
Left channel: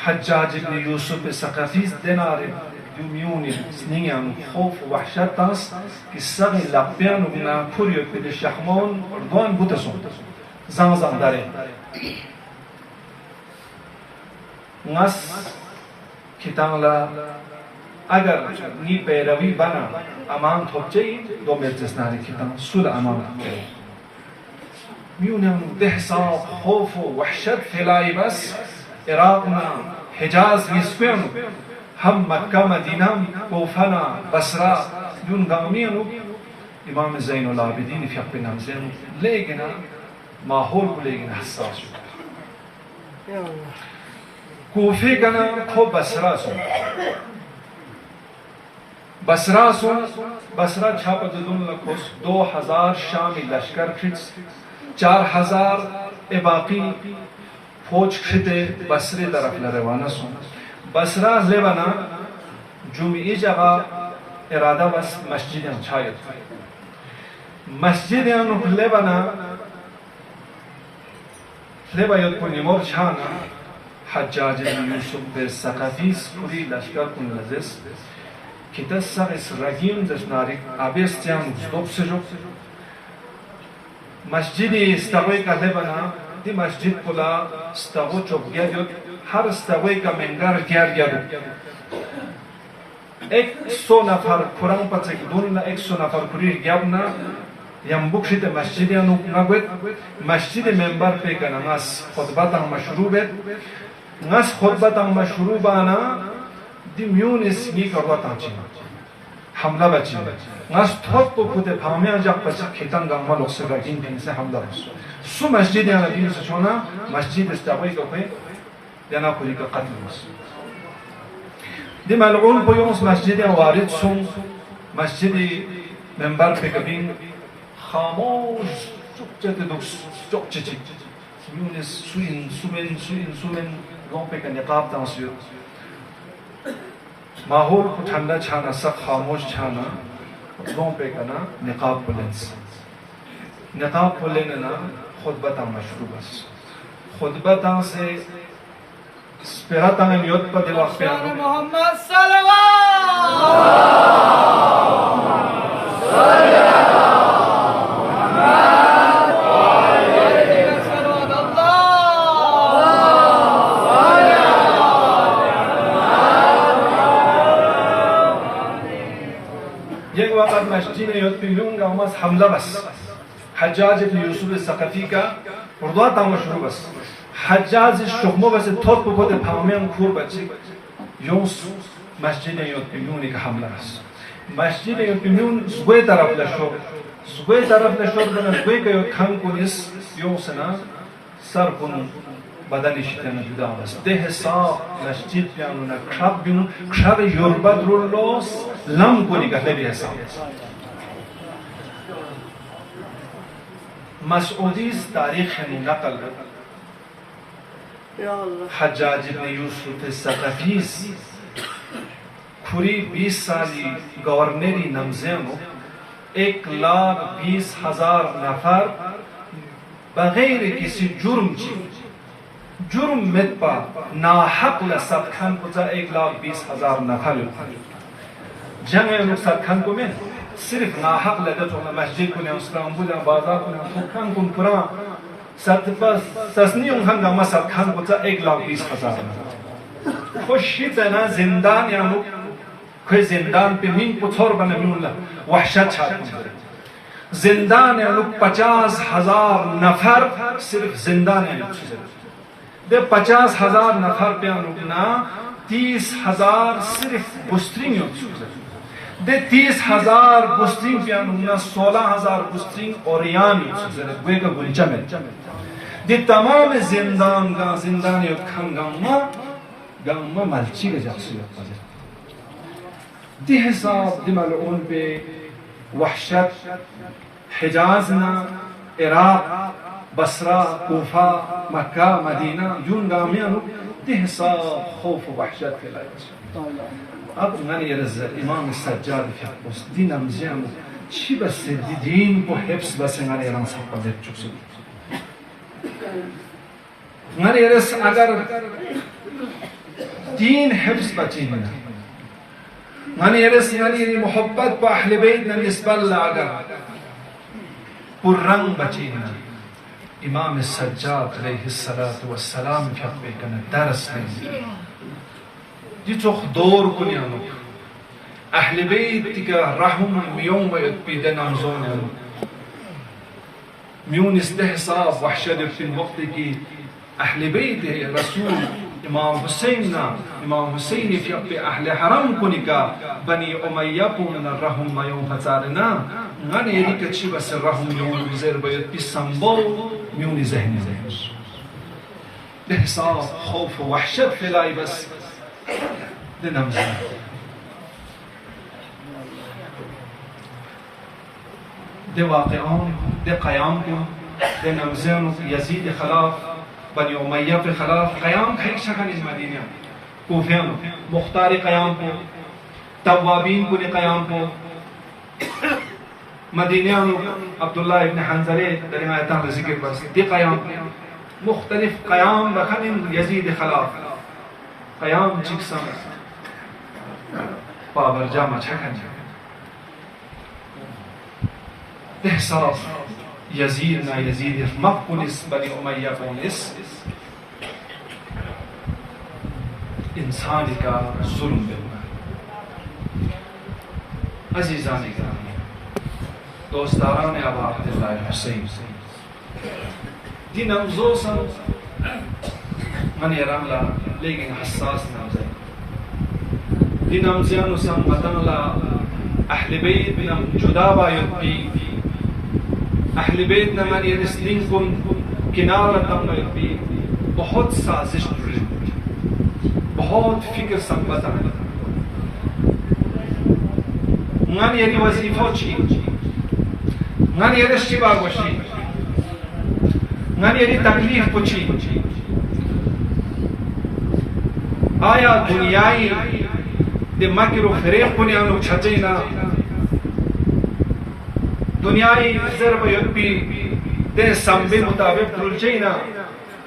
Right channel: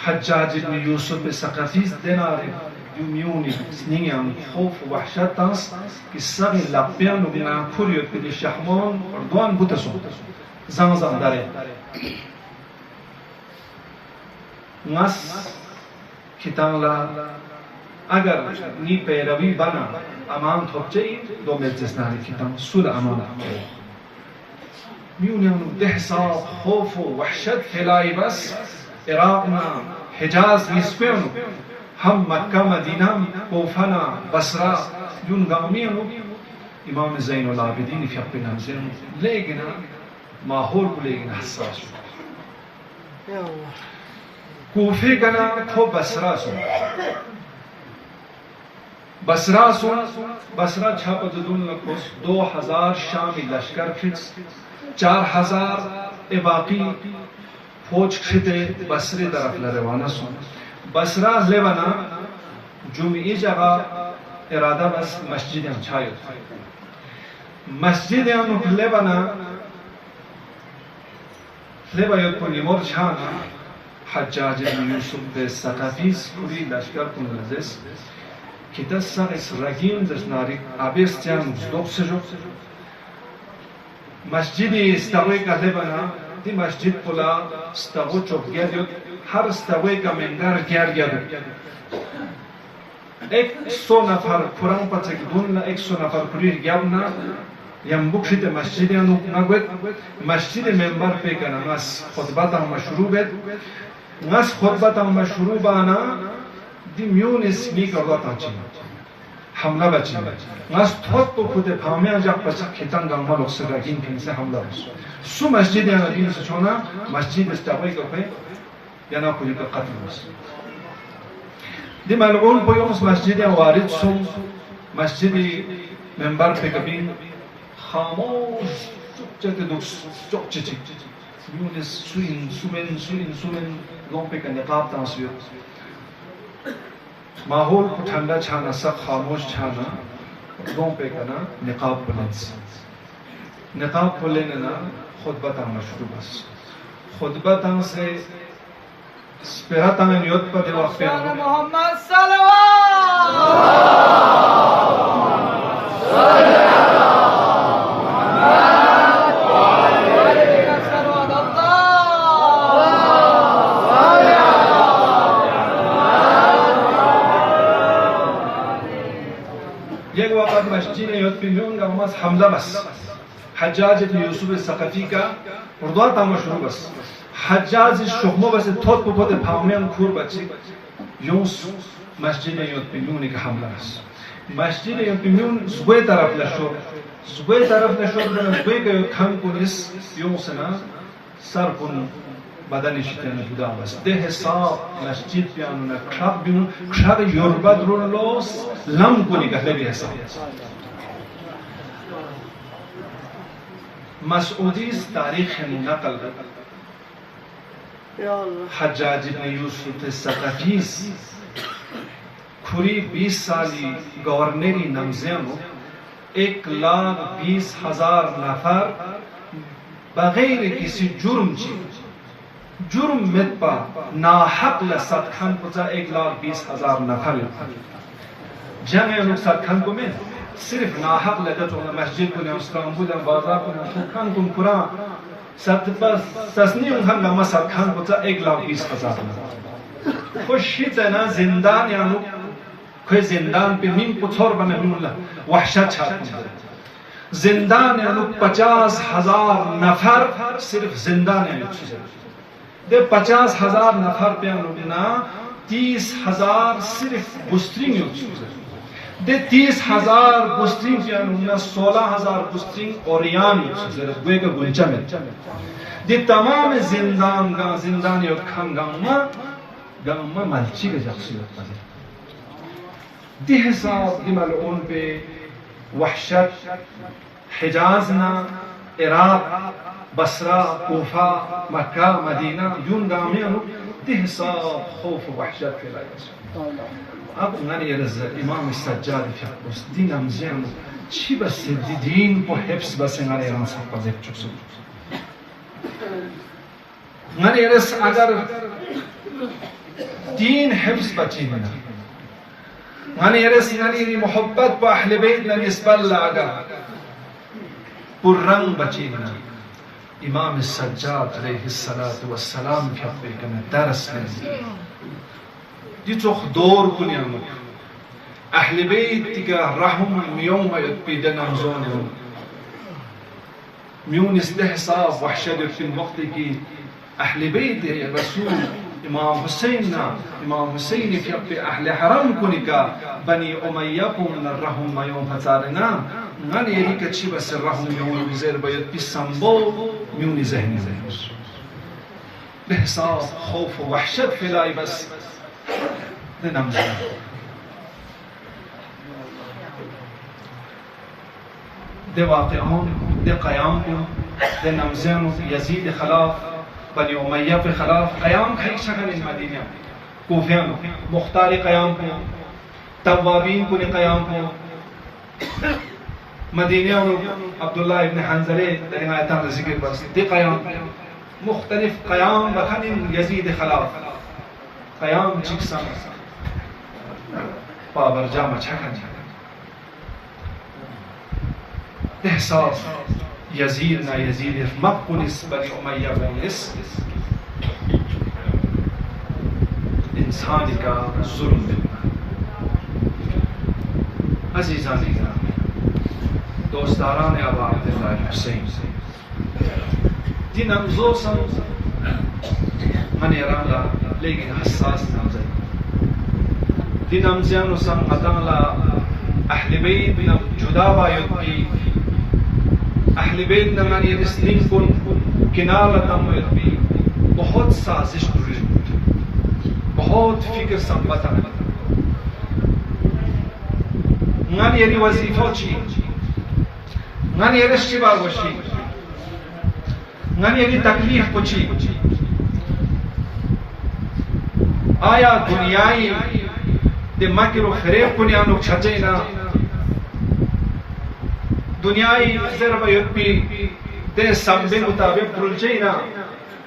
حجاج ابن یوسف ثقفیز دیناره دومیونی سنیان خوف و وحشت تانس که سر لابتینو بنا کریت که شخمون اردوان بوتسون زمان داره ngas kitangla agar ni पैरवी बना aman थोपचे दो मेजस नारे kitang sul aman म्यूनियम दहसाब खौफ वहशत फैलाई बस इराक में हिजाज निस्बेन हम मक्का मदीना कोफना बसरा यून गामियन इमाम ज़ैनुल आबिदीन फ़िक़्ह नमज़ेन लेकिन माहौल को लेकिन हसास कोफे गना खो बसरा सुन बसरा छाप दुन लकोस 2000 शामी लश्कर खिच 4000 बाकी फौज खिते बसरे तरफ रवाना सुन बसरा लेवाना जुमी जगह इरादा बस मस्जिद छायत मस्जिद लेवाना लेवायत को निमोर छाना हज्जाज यूसुफ सकाफीस पूरी लश्कर को नजस कितसर इस रहीम दशनारिक आबिस्त्यान ज़ोब से जो मस्जिद इस्तावे का लेवाना दी मस्जिद पुला इस्तावो चौक गया जो हर इस्तावे का मंगार गया 100 नफर कुरान पचक दून 100 नफर कुरीर गयाबना यम बुक्शित मस्जिद यानु नगुत मस्जिद मेंबर पे का नमाज खुतबा ता मशरू बेत नमाज खुतबा ता मशरू बाना दी म्यून इसमी करवा ताची हमला बची नमाज थोत तो खुदे भावमे जब पचक खितान गामा लोग से गाकिन फिन से हमला बस सु मस्जिद याना दिन से छोना मस्जिद इस्तावे का पे याना कुली का कत्ल बस दी मलऊन पोयोंस मस्जिद या वारिद सुम मस्जिद मेंबर पे कभी खामोश चुप दुक्स चुप चिची यूनिस सुमेन लोंपे का निकाब तांसियो माहौल ठंडा छाना सब खामोश छाना लोंपे का ना निकाब पुलेन ना खुतबा तां मशरू बस खुतबा तां से स्पिरा तां नियत पर दिवाक पे मोहम्मद मस्जिद युद्ध हमला बस हज्जाज इब्न यूसुफ सकाफी का उर्दू ताम शुरू बस हज्जाज शुक्मो बस थोत को बोते फामेन खूर बच्चे यूस मस्जिद युद्ध का हमला बस मस्जिद युद्ध जुए तरफ लशो देना जुए का खान कुनिस यूसना सर कुन badani shitana judamas dehsa masjid pianuna khab binu khab yorbadrullos lam kuni gahlebi hesab mas'udis tarikh naqal ya Allah hajjaj ibn yusuf as-saqafis khuri 20 साली गवर्नरी नमज़ेनो 1,20,000 नफर बगैर किसी जुर्म में पा नाहक लसत खान पुचा 1,20,000 नफर जंग लोग सत खान को में सिर्फ नाहक लगे तो मस्जिद को ने मुस्लिम बुला बाजार को ने खान को पूरा सत बस ससनी उन खान गमा सत खान पुचा 1,20,000 खुशी तना जिंदान यानु कोई जिंदान पे नीम पुछोर बने मिलना वहशत छाप जिंदान यानु 50,000 नफर सिर्फ जिंदान यानु दे 50,000 नफर पे अनुना 30,000 सिर्फ बुस्ट्रिंग दे 30,000 बुस्ट्रिंग पे अनुना 16,000 बुस्ट्रिंग और यान गुए का गुलचा में दे तमाम जिंदान यो खंगामा गामा मलची के जख्सियत पजे दे हिसाब दे मलऊन पे वहशत हिजाज ना इराक बसरा कोफा मक्का मदीना यून गामियानु दहसा खौफ वहशत फैलाई अब ngani yerz imam sajjad fiqh din amzian chi bas din po hifz bas ngani yeran sapazet chuksu ngani yerz agar din hifz bachina ngani yerz yani mohabbat po ahl bayt na nisbal agar purrang bachina İmam-ı Saccad aleyhissalatu vesselam fiyatbekene ders verir. Di çok doğru kunyanuk. Ahli beyt tika rahum miyoma yutbide namzonyanuk. Miyun istihsab vahşedü fil vakti ki Ahli beyt ya Resul İmam Hüseyin fiyatbe ahli haram kunika Bani Umayya kuminar rahum mayom hazarina Ngani erika çiba ser rahum miyonu bizer bayat bir sambol miyoni zehni zehir. Bihsab, خوف و وحشت فلای بس نمزون. ده واقعان ده قیام کن ده نمزون یزید خلاف بنی امیه به خلاف قیام خیلی شکل مدینه کوفیان مختاری قیام کن توابین کنی قیام کن مدینیانو عبدالله ابن حنظله در این آیتان ذکر برست دی قیام مختلف قیام بخنین یزید خلاف قیام چکسان پابرجا مچکن احساس یزید نا یزید مقبولس بنی امیه بونس انسانی کا ظلم بنا عزیزانی کا دوستداران ابا عبدالله حسین دی نمزوسن من یران لا لیکن حساس نمزه دی نمزیانو سن مدن لا اهل بیت نم جدا باید کی اهل بیت نمان یرسلین کن کنار لتم باید بی بہت سازش دوری بہت فکر سنبتا من یری وظیفه چی من یرش چی باگوشی من یری تکلیف کچی آیا دنیای ده مکر و فریب کنیانو چھچینا دنیای ضرب یدبی ده سنبه مطابق ترلچینا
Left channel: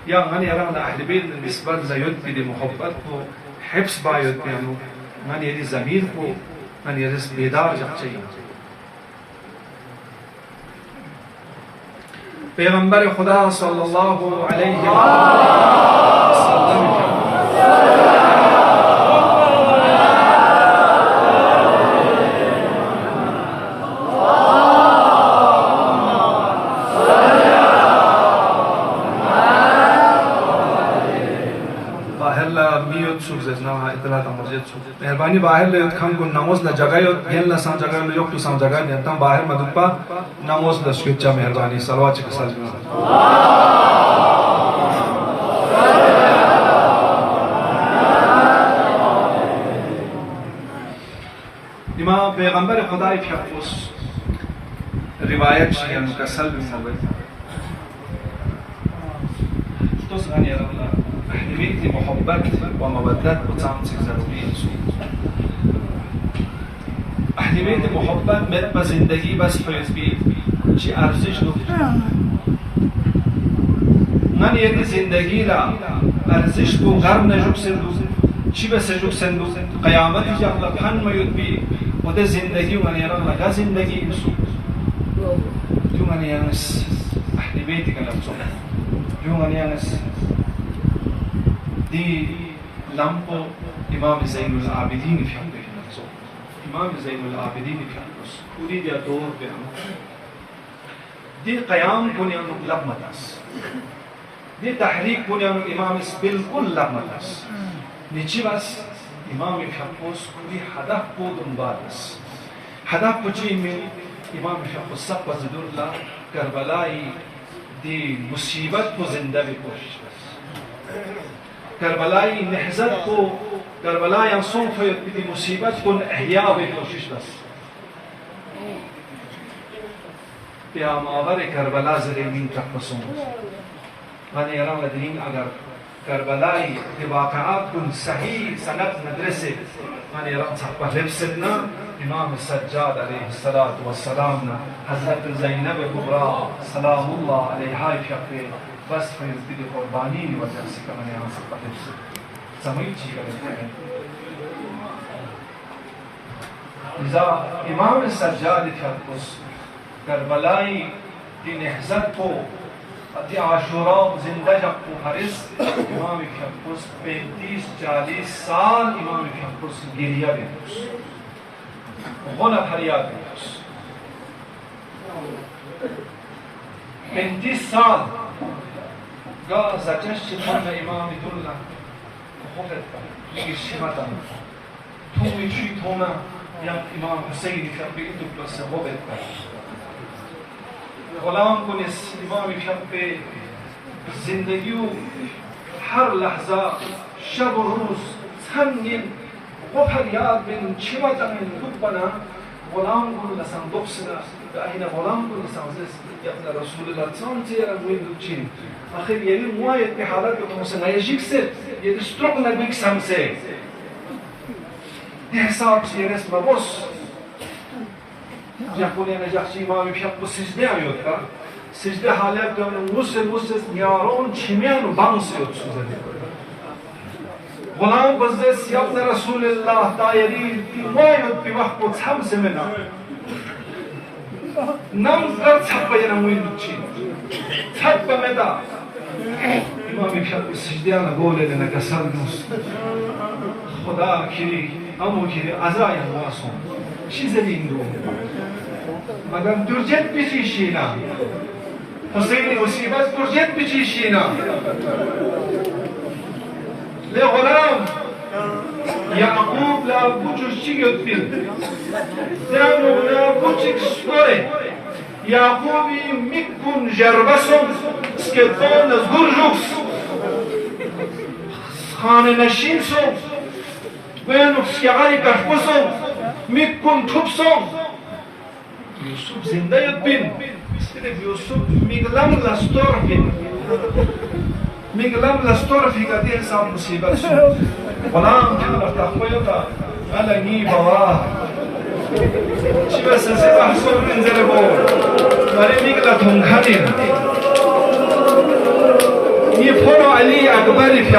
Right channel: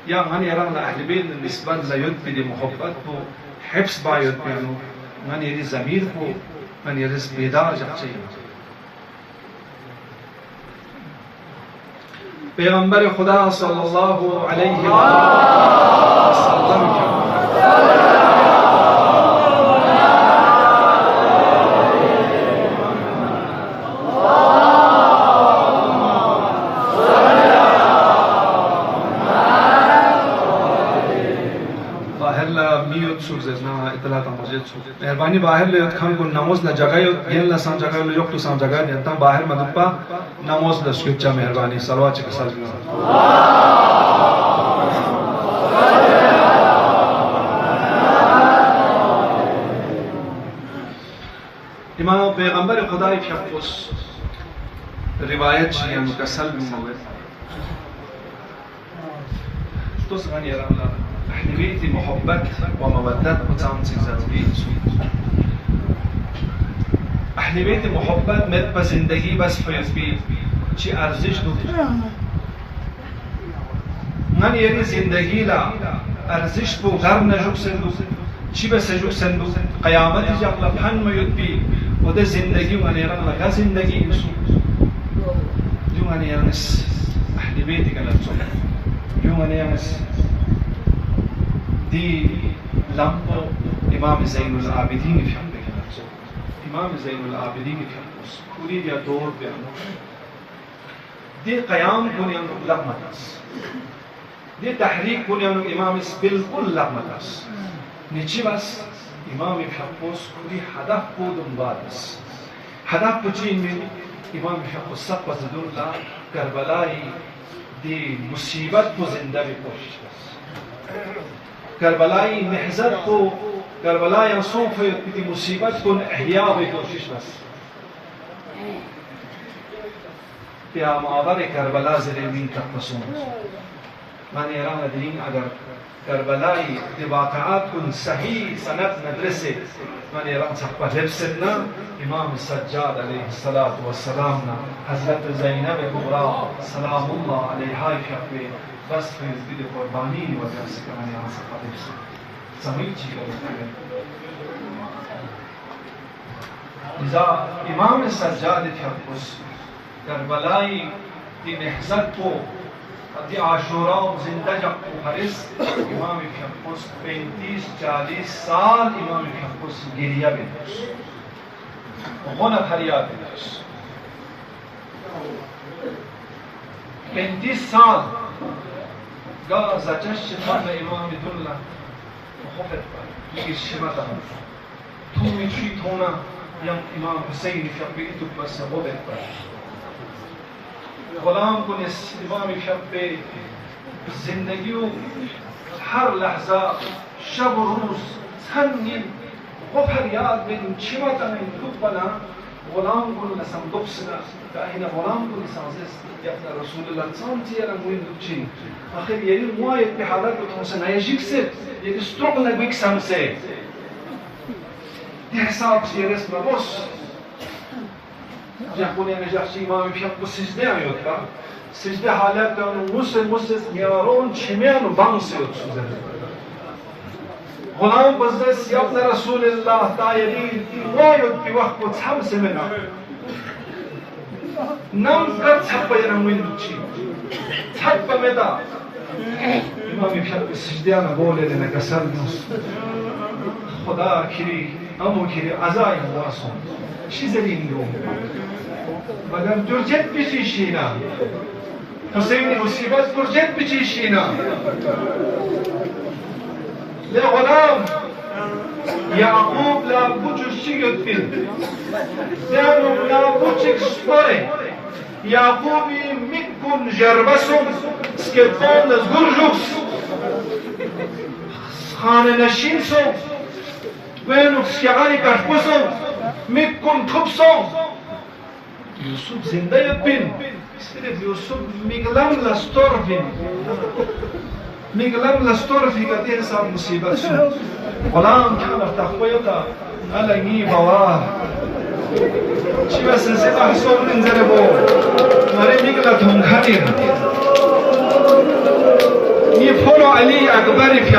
یا من یران اهل بیت نسبت زیدبی ده محبت کو حفظ با یدبیانو من یری ضمیر کو من یرس بیدار جچینا پیغمبر خدا صلی اللہ علیہ وسلم مهربانی باہر لے کھان کو نماز نہ جگہ گین لا سان جگہ لو یوک تو سان جگہ دے تم باہر مدد پا نماز نہ سکچا مہربانی صلوات کے ساتھ امام پیغمبر خدا کی حفظ روایت ہے مکسل میں موجود تو سانی اللہ اهلیت محبت و مودت بتاعم چیزات بیش. اهلیت محبت مت با زندگی بس فیض بی چی ارزش نکته. من یه زندگی لا ارزش بو غرب نجوب سندو چی بس نجوب سندو قیامتی جا لبحن میود بی و ده زندگی و نیران لگا زندگی ایسو. جو من یانس اهلیتی کنم جو من یانس دی لامپو امام زین العابدین کی امام زین العابدین کی پوری دیا دور پہ دی قیام بنیان لغمتاس دی تحریک بنیان امام اس بالکل لغمتاس نیچی بس امام حفظ دی هدف کو دنبالس هدف کچی من امام حفظ سب زدون لا کربلائی دی مصیبت کو زندہ بھی کوشش بس کربلائی نحزت کو کربلائی انصوف دی مصیبت کو احیاء بھی کوشش بس پیا معابر کربلا زرمین کا قسم من ایران لدین اگر کربلائی دی واقعات کن صحیح سنت مدرسے من ایران صحبہ حفظنا امام سجاد علیہ السلام حضرت زینب کبرا سلام اللہ علیہ شفیع بس فیض بیدی قربانی وجہ سے کرنے یہاں سے قدر سے زمین چی کرتے ہیں لذا امام سجاد فرقس کربلائی دی نحزت کو अति आशुरा जिंदा जब हरिस इमाम शख्स 35-40 साल इमाम शख्स गिरिया बेदुस होना फरियाद बेदुस 35 साल गा ज़जश शिफान इमाम दुल्ला खुफत पर ये शिमाता तुम मिठी थोना या इमाम हुसैन शब्बी दुब्बा से खुफत पर गुलाम को इस इमाम शब्बे जिंदगी हर लहजा शब रोज संगीन खुफत याद बिन शिमाता में दुब्बना गुलाम को नसम दुब्सना दाहिना गुलाम को निसाज़िस अपना रसूलुल्लाह सल्लल्लाहु अलैहि वसल्लम दुब्ची आखिर यही मुआयद की हालत में मुझसे नयजिक से ये स्ट्रोक लगविक संसे हिसाब से रस मबोस يقولون أن جالس إمام يشوف السجدة يوتها السجدة حالات موسى يارون شميان وبانس يوتسوزن غلام بزس يابن رسول الله دايري وايد بوقت بتحمس منه نام قد حب ينوين دوتشي حب مدى إمام يشوف السجدة أنا بقول لنا كسر نص خدا كري أمو كري عزاي الله صون شي زين دوم مگر درجت بچیشینا حسین مصیبت درجت بچیشینا لا غلام يعقوب لا بوجه شيء زانو لا بوجه سطوري يعقوب ميكون جربسهم سكتون زغرجوكس خانه نشینسو وينو سيعاني كحبسهم ميكون توبسهم يوسف زنده يبين يوسف ميغلام لاستورفين ميغلام لاستورفي قديه صار مصيبة سوء غلام كان تخويتا على ني بواه شبه سنسيبه حسون من زنبو ماري ميغلا تنخانين يفرو علي أكبر في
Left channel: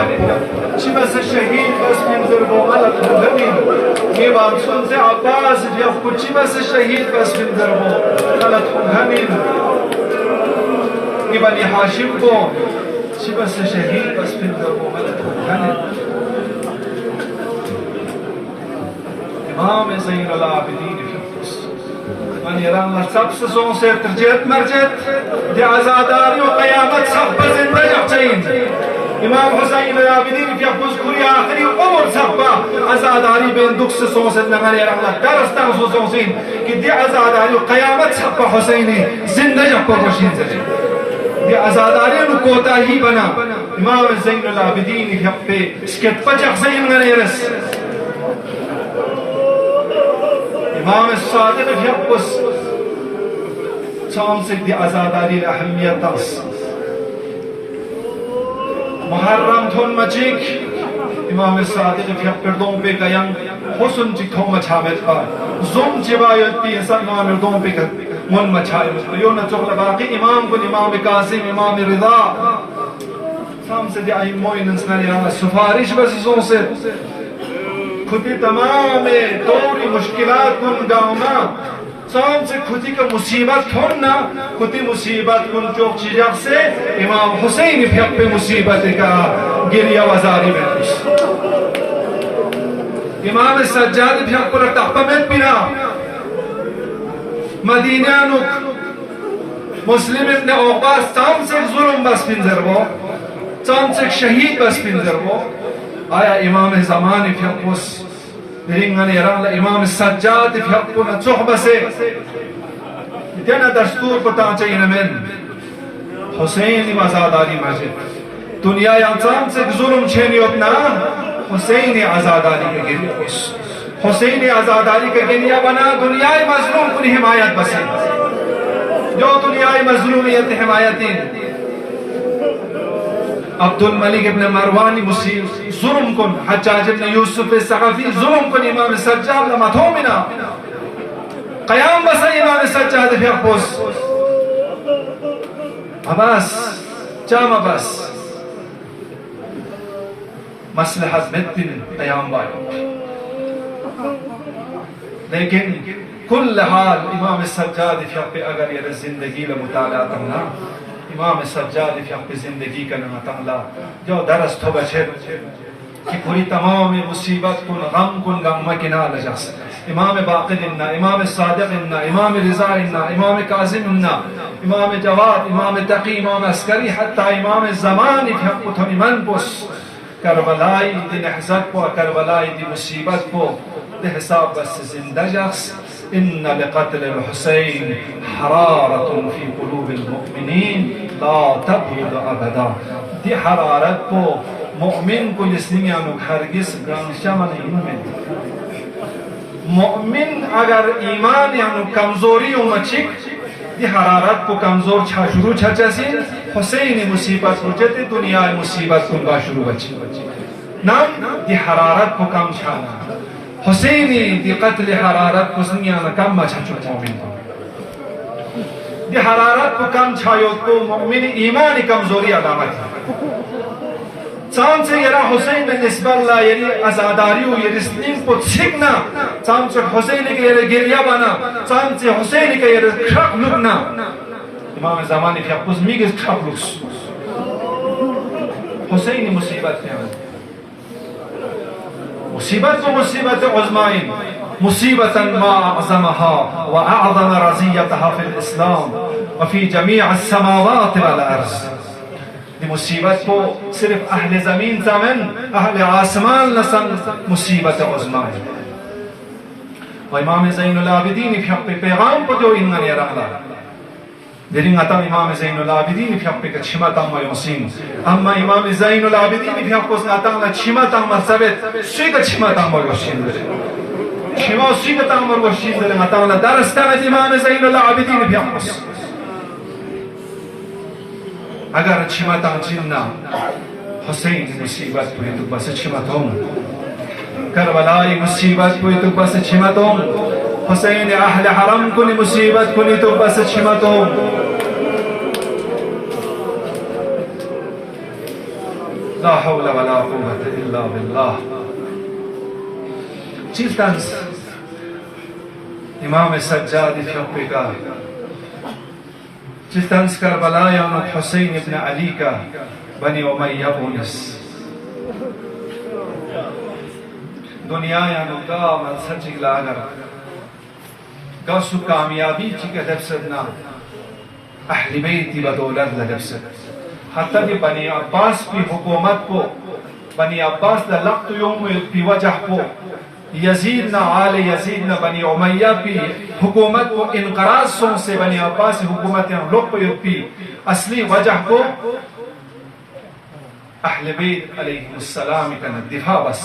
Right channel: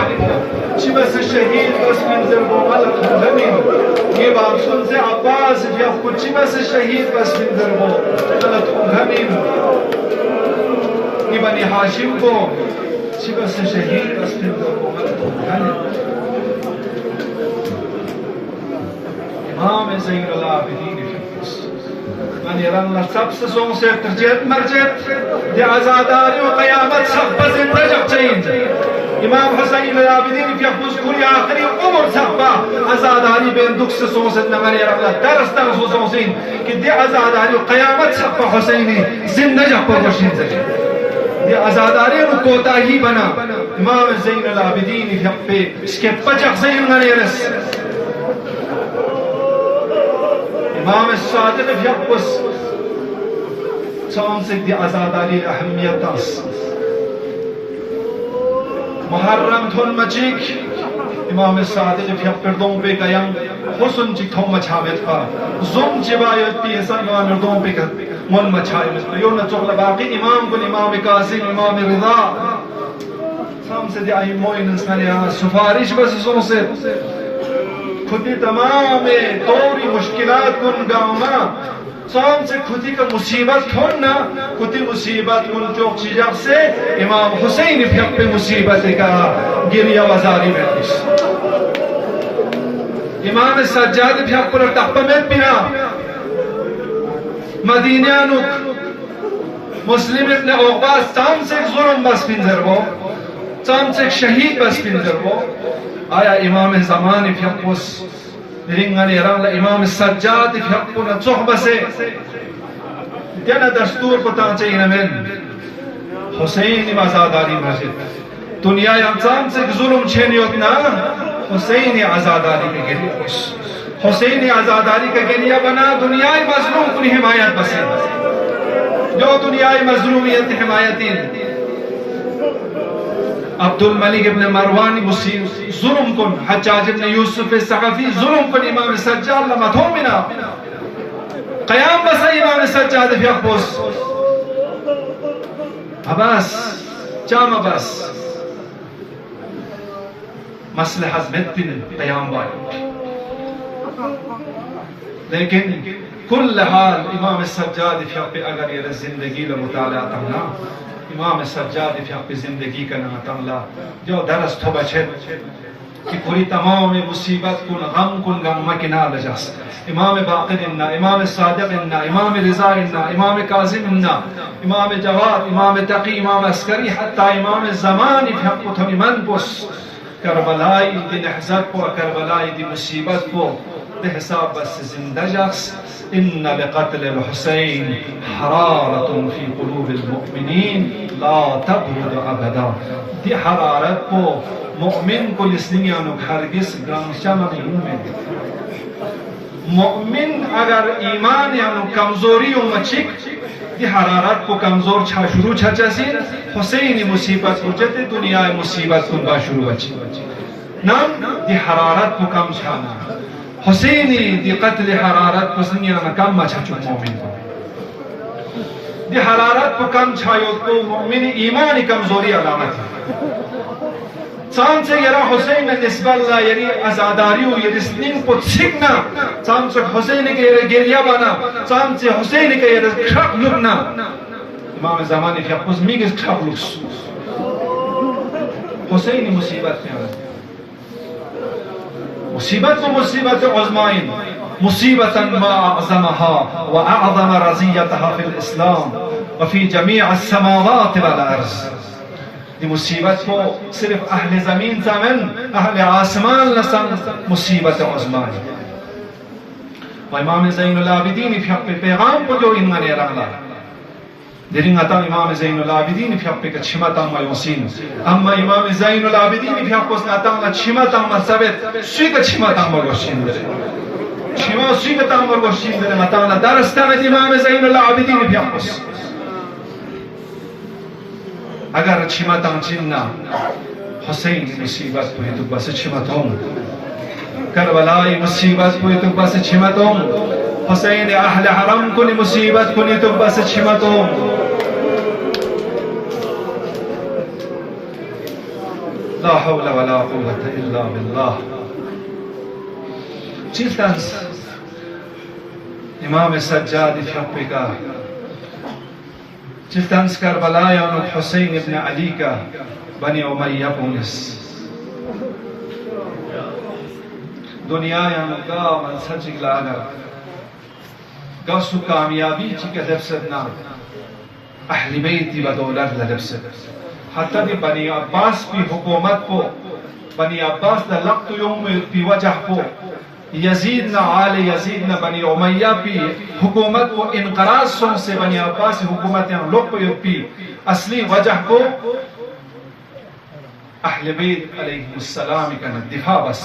شبه الشهيد بس من زنبو ملك مدنين يبان سنزي عباس يفقد شبه الشهيد بس من زنبو ملك مدنين يبان هاشم بو شبه الشهيد بس من زنبو ملك مدنين إمام زين العابدين من يرى الله سبس سون سير ترجيت مرجت دي عزاداري وقيامت سبس زندة جبتين إمام حسين العابدين في أفوز كوري آخری عمر سبا عزاداري بين دكس سون سيدنا من يرى الله درستان سون سين کہ دي عزاداري وقيامت سبا حسيني زندة جبا رشين زجي دي عزاداري نكوتا هي بنا إمام زين العابدين في أفوز سكت بجح زين من يرس إمام الصادق في أقوس سامسك دي عزاداري الأهمية تاس محرم ثون مجيك إمام الصادق في أقردون بكيان حسن جيك ثون مجامل فا زوم جبايت بي إنسان نوان اردون بك من مجامل يونا جغل باقي إمام كن إمام قاسم إمام رضا سامسك دي أي موين انسان سفارش بس زوم سے खुदी तमाम तौरी मुश्किलात कुन गमना साम से खुदी का मुसीबत थोना खुदी मुसीबत कुन चौक चिजाक से इमाम हुसैन फिर पे मुसीबत का गिरिया वजारी में कुछ इमाम सज्जाद फिर पर तपमें पिया मदीना नुक मुस्लिम ने औबास साम से जुर्म बस पिंजर वो साम से शहीद बस पिंजर वो आया इमाम ज़मान फियकुस रिंगने रंग इमाम सज्जाद फियकुना चौबा से क्या दस्तूर पता चाहिए न मैं हुसैन आज़ादारी मस्जिद दुनिया इंसान से जुल्म छेनियों ना हुसैन आज़ादारी के गिरिया हुसैन आज़ादारी के गिरिया बना दुनिया मज़लूम की हिमायत बसे जो दुनिया मज़लूमियत हिमायती अब्दुल मलिक इब्न मरवान मुसीब जुल्म कुन हज्जाज इब्न यूसुफ सक़फ़ी जुल्म कुन इमाम सज्जाद लमथोमिना क़याम बस इमाम सज्जाद फियकुस अबास जाम अबास मसलहत में दिन क़याम वाले लेकिन कुल हाल इमाम सज्जाद फियक पे अगर ये जिंदगी में मुताला करना इमाम सज्जाद फिर आपकी जिंदगी का नातंगला जो दरस तो बचे कि पूरी तमाम मुसीबत कुन गम मकिना लजस इमाम बाक़िर इन्ना इमाम सादिक़ इन्ना इमाम रिज़ा इन्ना इमाम काज़िम इन्ना इमाम जवाद इमाम तक़ी इमाम अस्करी हत्ता इमाम ज़मान फिर आपको तो इमन पुस करबलाई दी नहज़त को करबलाई दी मुसीबत को दे हिसाब बस जिंदा जख्स इन्ना लिक़त्ल हुसैन हरारतुन फी क़ुलूबिल मुअमिनीन ला तब्रुद अबदा दी हरारत को मुअमिन को लिस्नियान हरगिज गांशमन मुअमिन अगर ईमान यानो कमजोरी मचिक दी हरारत को कमजोर छा शुरू छचसी हुसैन मुसीबत उजते दुनिया मुसीबत को शुरू बची नाम दी हरारत को कम छाना हुसैनी दी कत्ल हरारत को दुनिया कम मचचु मुअमिन दी हरारत को कम छायो तो मुअमिन ईमान कमजोरी अलामत है चांद से यरा हुसैन निस्बल्ला यरी आजादारियों यरी स्निंग को छिकना चांद से हुसैन के यरे गिरिया बना चांद से हुसैन के यरे खप लुकना इमाम ज़मानी के कुज़मी के खप लुक्स हुसैन मुसीबत में मुसीबत को मुसीबत उज़माइन मुसीबतन मा अअज़महा व अअज़म रज़ियतहा फिल इस्लाम व फी जमीअ अस्समावाति वल अर्ज़ मुसीबत को सिर्फ अहले जमीन सामन अहले आसमान लसन मुसीबत उज़्मा है इमाम ज़ैनुल आबिदीन फिर पैगाम पर जो इन्होंने रखा दिरिंग आता इमाम ज़ैनुल आबिदीन फिर का छिमाता मयूसीन अम्मा इमाम ज़ैनुल आबिदीन फिर को आता ना छिमाता मसबत स्वीक छिमाता मयूसीन छिमा स्वीक ता मयूसीन आता ना दरस्तान इमाम ज़ैनुल आबिदीन फिर को अगर छिमाता चिन्ना हुसैन मुसीबत हुई तो बस छिमातों करबलाई मुसीबत हुई तो बस छिमातों हुसैन अहले हरम को मुसीबत हुई तो बस छिमातों ला हौला वला कुव्वता इल्ला बिल्लाह चिल्तंस इमाम सज्जाद फिर का चिल्तंस करबला यानो हुसैन इब्न अली का बनी उमय्या पुलिस दुनिया यानो का मन सच लागर दसु कामयाबी चिके लफ्सना अहले बैत व दौलत लफ्सत हत्ता कि बनी अब्बास की हुकूमत को बनी अब्बास द लक्त यौम की वजह को यजीद न आले यजीद न बनी उमय्या की हुकूमत को इनकराज से बनी अब्बास हुकूमत लोग की असली वजह को अहले बैत अलैहिस्सलाम का दिफा बस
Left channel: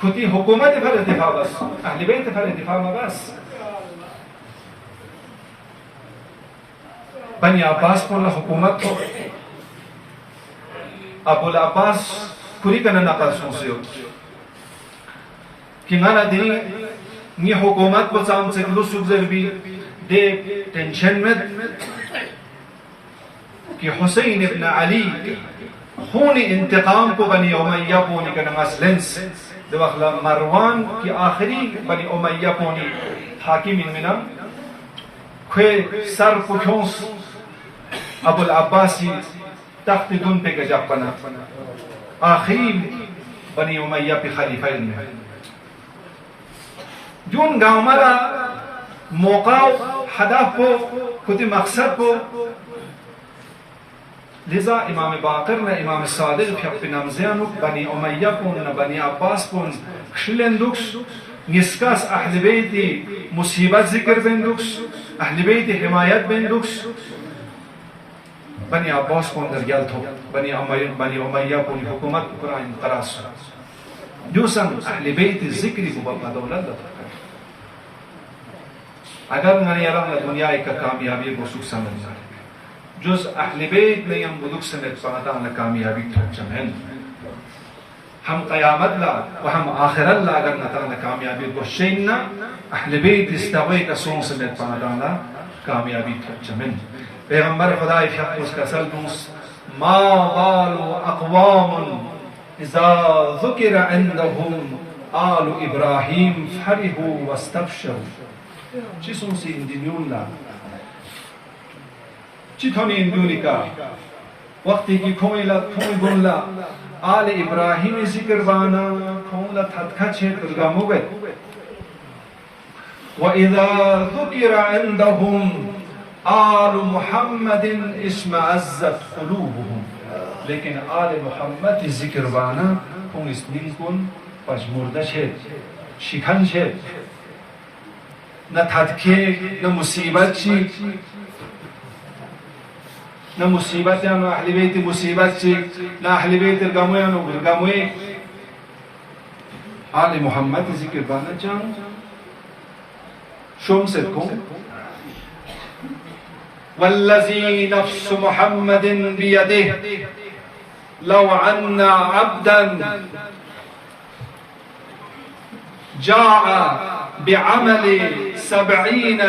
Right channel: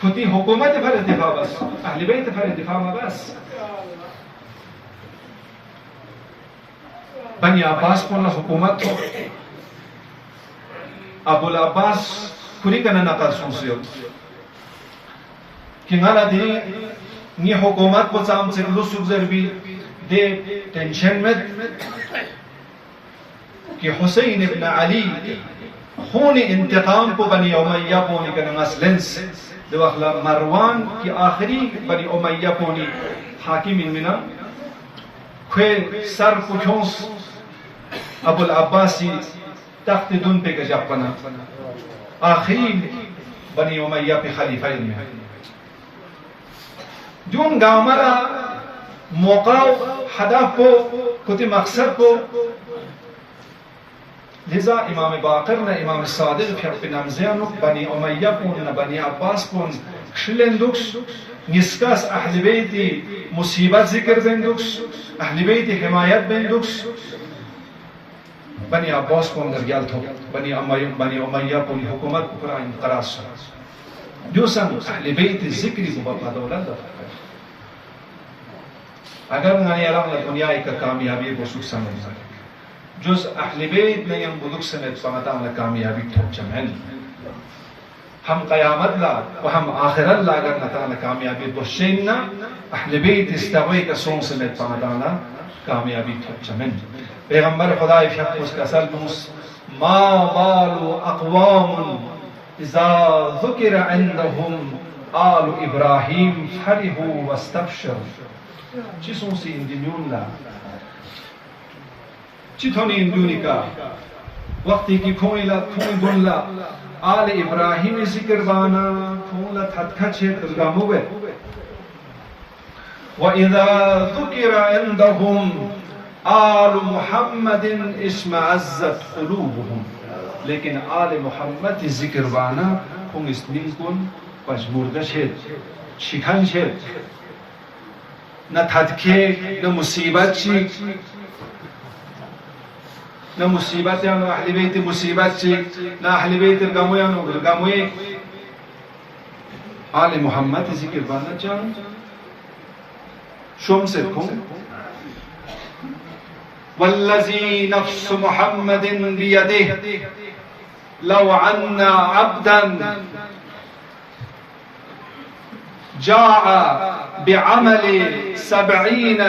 खुदी हुकूमत भर दिफा बस अहले बैत भर दिफा में बस बनी अब्बास को हुकूमत को अबुल अब्बास पूरी करना नकार सोचे कि गाना दी ये हुकूमत को साम से लुसुक जरबी दे टेंशन में कि हुसैन इब्न अली खून इंतकाम को बनी उमय्या पोनी का नंगस दो अखला मरवान की आखिरी बनी उमय्या पोनी हाकिम इनमिना खे सर पुछोंस अबुल अब्बासी तख्त दुन पे गजब बना आखिरी बनी उमय्या पे खलीफा इनमें जून गामरा मौका हदफ को खुद मकसद को लिजा इमाम बाकर न इमाम सादिक फिर नमज़ियान बनी उमय्या को न बनी अब्बास को शिलेंदुक्स निस्कास अहले बैत मुसीबत जिक्र बेंदुक्स अहले बैत हिमायत बेंदुक्स बनी अब्बास को अंदर गया तो बनी उमय्या को हुकूमत कुरान तरास जो संग अहले बैत जिक्र को बता दौलत अगर मैंने यार दुनिया एक कामयाबी को सुख समझ सके जुस अहले बैत ने हम बुजुर्ग समेत पाता हमें कामयाबी ठोक चमें हम क़यामत ला व हम आखिरत ला अगर नता न कामयाबी को शेना अहले बैत इस्तावे का सोंग समेत पाता ना कामयाबी ठोक चमें पैगंबर खुदा के उसका सल्लुस मा बालु अक़वाम इज़ा ज़ुकिर इंदहुम आलु इब्राहीम फरिहू वस्तबशरू जिसों से इंदिन्यून ला चिथोनी इंदुनिका वक्ती की खोइला खोइ गुनला आल इब्राहिम जिक्र बाना खोला थतखा छे कुलगामुगे व इज़ा ज़ुकिरा इंदहुम आल मुहम्मदिन इस्मअज़्ज़त क़ुलूबुहुम लेकिन आल मुहम्मद जिक्र बाना खों इस्मिन कुन पजमुर्दा छे शिखन छे न थतखे न मुसीबत छी न मुसीबत या न अहले बैत मुसीबत छी न अहले बैत गमया न गमये आले मोहम्मद जिक्र बाना चाहूं शोम से तुम वल्लज़ी नफ्स मुहम्मदिन बियदिह लौ अन्ना अब्दन जाअ बिअमलि 70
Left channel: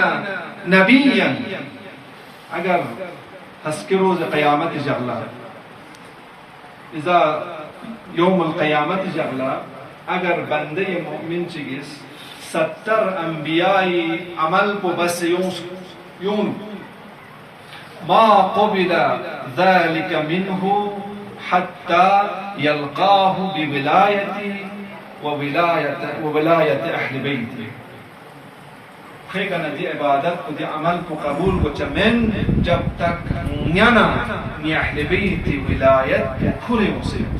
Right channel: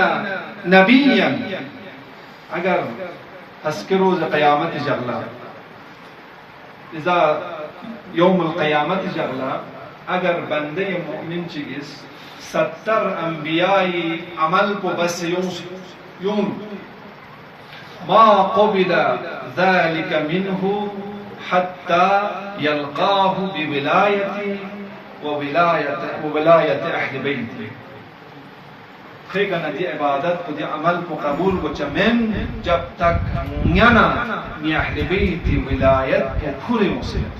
नबिय्यन अगर तस्करोज़ क़यामत जगला इज़ा यौमुल क़यामत जगला अगर बंदे मोमिन चिगिस 70 अंबियाई अमल को बस यूं मा क़ुबिला ज़ालिका मिन्हु हत्ता यल्क़ाहु बिविलायति व विलायत अहले बैति खेगा नदी इबादत को अमल को कबूल को चमेन जब तक न्याना नि अहले बैति विलायत के खुले मुस्लिम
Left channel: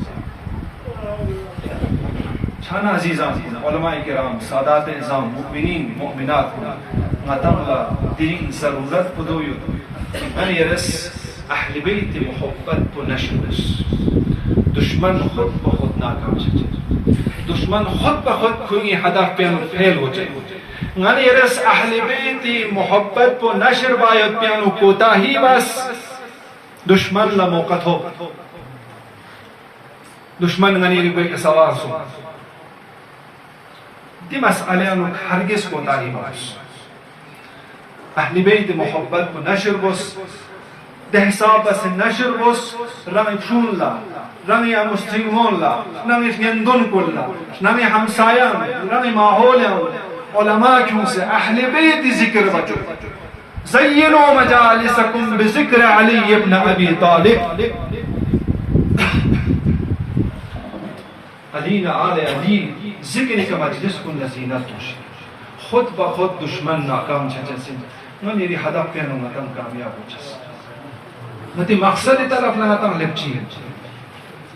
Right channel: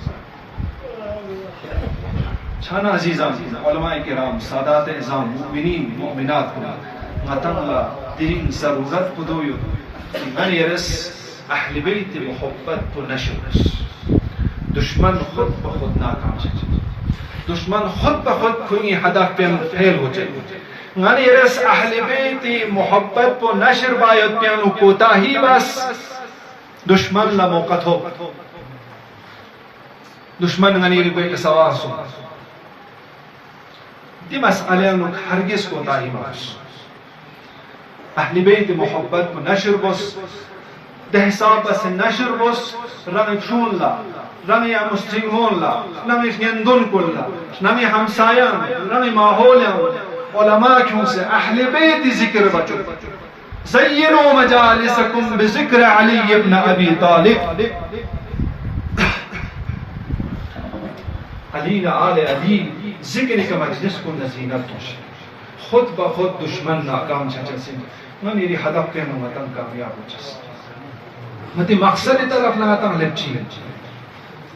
छाना अजीज़ान उलमा किराम सादात इज़ाम मुमिनीन मुमिनात को मतंला दिन ज़रूरत पुदोयो मन यरस अहले बैत मोहब्बत को नशरस दुश्मन खुद ब खुद नाकाम छे दुश्मन खुद ब खुद कोई हदफ पे फेल हो जाए मन यरस अहले बैत मोहब्बत को नशर बायत प्यानो कोता ही बस दुश्मन ला मौका हो दुश्मन गनी रिबे सवार सो दी मसअले नुक हरगिज को ताही बस अहले बैत मोहब्बत को नशर बस दहसाब बस नशर बस रंग चूनला रंग या मुस्लिमोनला रंग यंदुन कुल्ला रंग हमसाया रंग माहौल उलमा क्यों से अहले बैत जिक्र बचो ज़य्यिनु मजालिसकुम बिज़िक्र अली इब्न अबी तालिब अली न आले अली जिक्र का मजलिस को नज़ीनत तोशी खुद ब खुद दुश्मन नाकाम छचे न मेरी हदफ पे न मतन कामयाब हो छस मते मकसद तरफ न मतन लची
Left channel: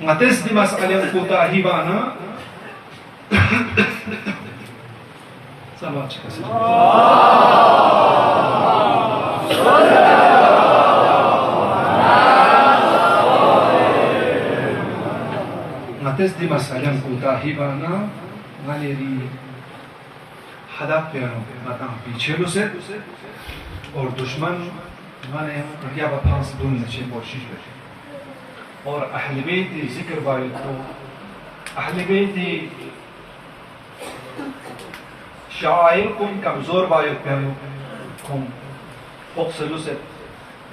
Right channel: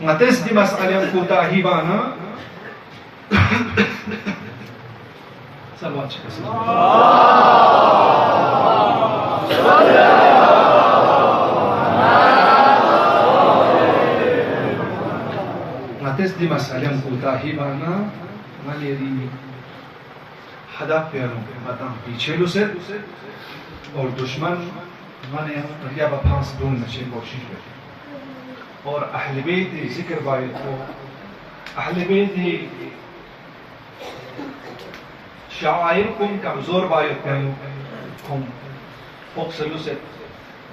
मतस दी मसअले को ताहिबाना सलावत छस मतस दी मसअले को ताहिबाना मेरी हदफ पे न मतन पीछे लो से और दुश्मन मैंने या बफांस दून नशे कोशिश की और अहले बैत जिक्र बारे को अहले बैत शायर कुम कमजोर बारे कुम फोक्सलु से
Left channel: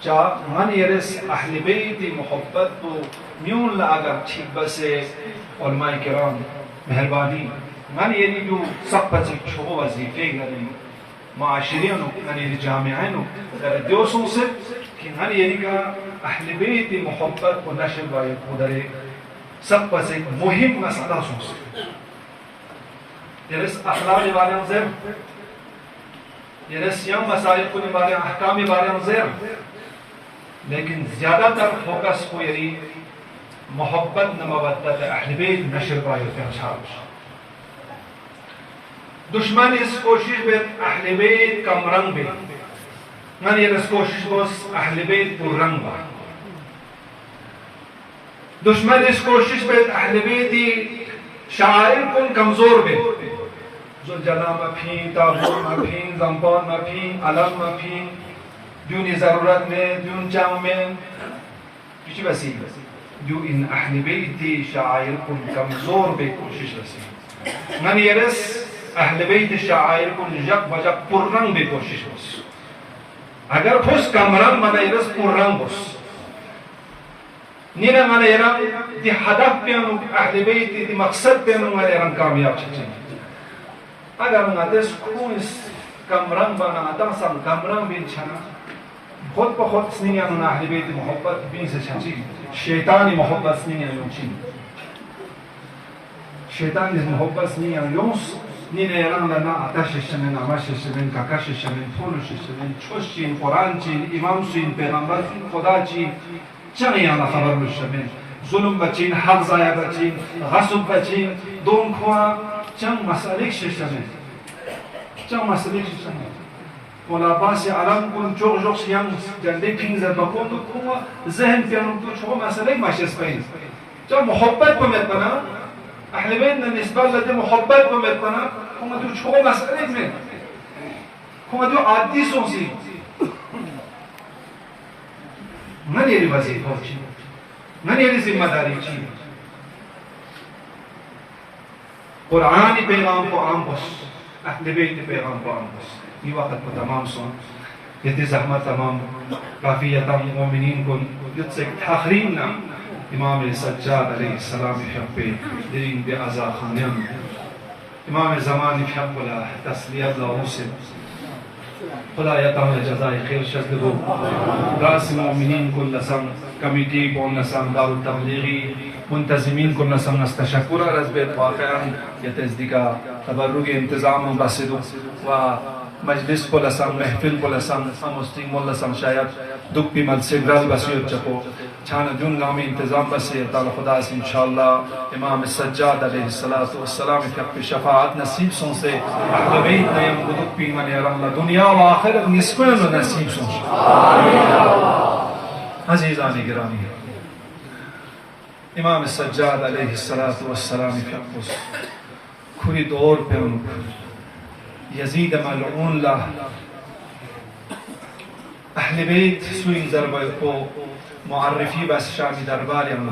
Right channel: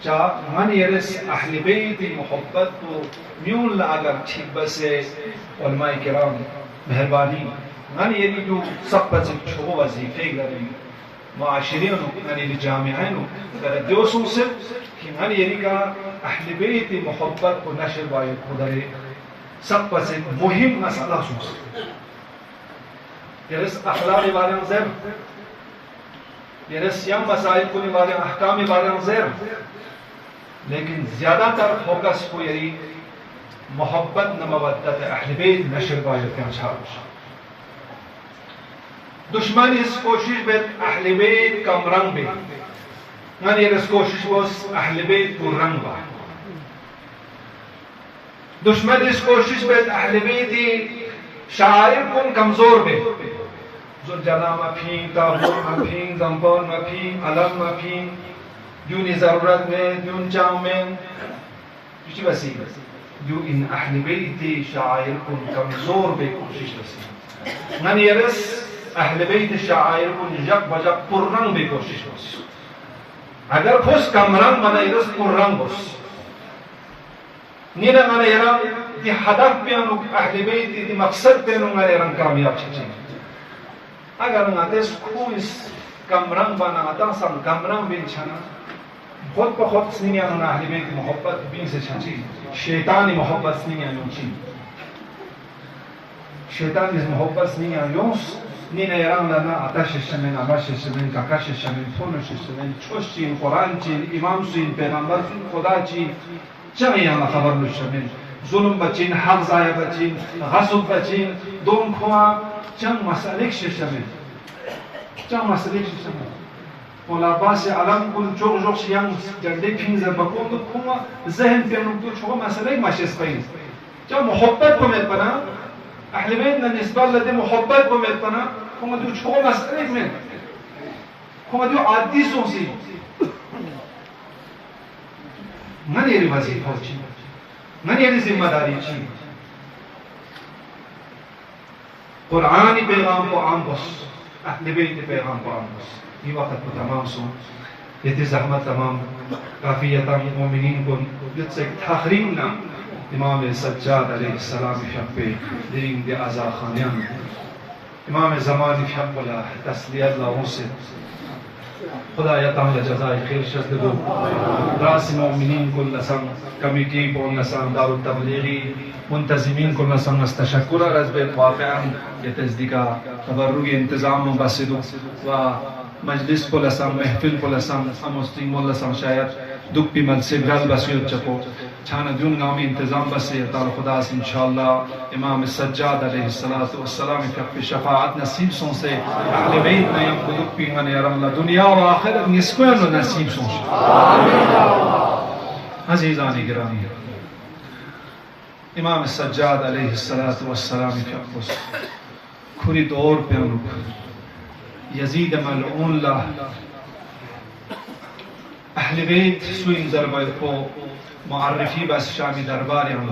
जा मन यरस अहले बैत मोहब्बत को म्यून ला अगर ठीक बसे और माय किराम मेहरबानी मन यरी जो सब बच छो वजीफे गरी माशरियों यानी जामियाओं दोस्तों से कि मन यरी का अहले बैत मोहब्बत को नशर बाय खुदरे सब बसे मुहिम मसला सोच यरस अखलाक बारे ज़र यरस यम मसाइल को बारे अहकाम बारे ज़र लेकिन ज्यादातर फोकस को यरी मोहब्बत न मवद्दत अहले बैत नशर बाय के अच्छा दुश्मन इस कोशिश में अहले बैत कम रंग बे मन ये इस कोशिश को अहले बैत को रंग बा दुश्मन इस कोशिश में अहले बैत शायर कुन कमजोर बे जो जना मफी ताबूर मफी जंपान मफी अलम मफी यूनी जरूरत में यून चांग में किसी वसी जो इन अहले बैत शायर कुन कमजोर बे कोशिश वसी मन ये अहले बैत शायर को जग बजग पुररंग भी कोशिश हो अगर खुश कमरंग बना इरस पुररंग बस नीरा माने यरा दी हदफ पे अनु अहले बैत दी मकसद पे अनु माने रंग कामयाब छे अगर ना देश को इस कमरंग बना ता सब कमरंग बिन छना خود به خود سنیان اهل بیت محبت بیز چی شیطانی محبت سنیان چی شیطانی محبت سنیان یوس نین ایران لنا آتش شمن آماش شمن کاکش شمن خونش شمن چوش چین قرآن چین امام چین پیغمبر چین خدا چین چنین آن خبر شمن ظلم بچین حق ضایع بچین غصب بچین دون خوا چند مسئله شمن چند مسئله شمن ولا باس علم كل جوج شيان جندي كينزا بكون كوا ذهن بينهم تو شو مسألة ماشي سبين جا محبت بمتنا أهل بيتنا نسبة لدي محبت بمتنا كما تو شو مسألة من كما تو عادي سوسي من يري وظيفة شيء من يري ذمہ داری شيء قرآن پیغام کو عام بس أهل بيت پیغام کو عام بس ये वक्त तो तमाम सो ये ज़हमत तमाम काफ़ी यतम मोमिनीन को जिससे तखरीम ना इमाम सज्जाद अलैहिस्सलाम पे दीन के आज़ा खानियान इमाम ज़मान वाला तस्लियत लाओ से खुदा यतम जज़ाए खैर शज़्दो रास मोमिनीन को लसम कमिटी को नसम दारुल तबलीगी मुंतज़िमीन को नसम नस्तशकुर रज़बे वाक़अन ये तज़दीका तबर्रुग इंतज़ाम बसिदो व मजलिस को लसम महफिल को लसम मुस्लिम लसम शायद दुख भी मल से ग्रल बसियत चको छान जुन नामी इंतजाम बसे ताला खुदा से इंशाअल्लाह इमाम सज्जाद अलैहिस्सलातु वस्सलाम की शफाअत नसीब सों से अहले बैत में हम दुख भी मन यरम दुनिया व आखिरत निस्बन नसीब सों आमीन अजीजान गिरामी इमाम सज्जाद अलैहिस्सलातु वस्सलाम की खुरी दौर पे यजीद मलऊन ला अहले बैत सुइन ज़रबा को मुअर्रिफी बस शामी दरबार यम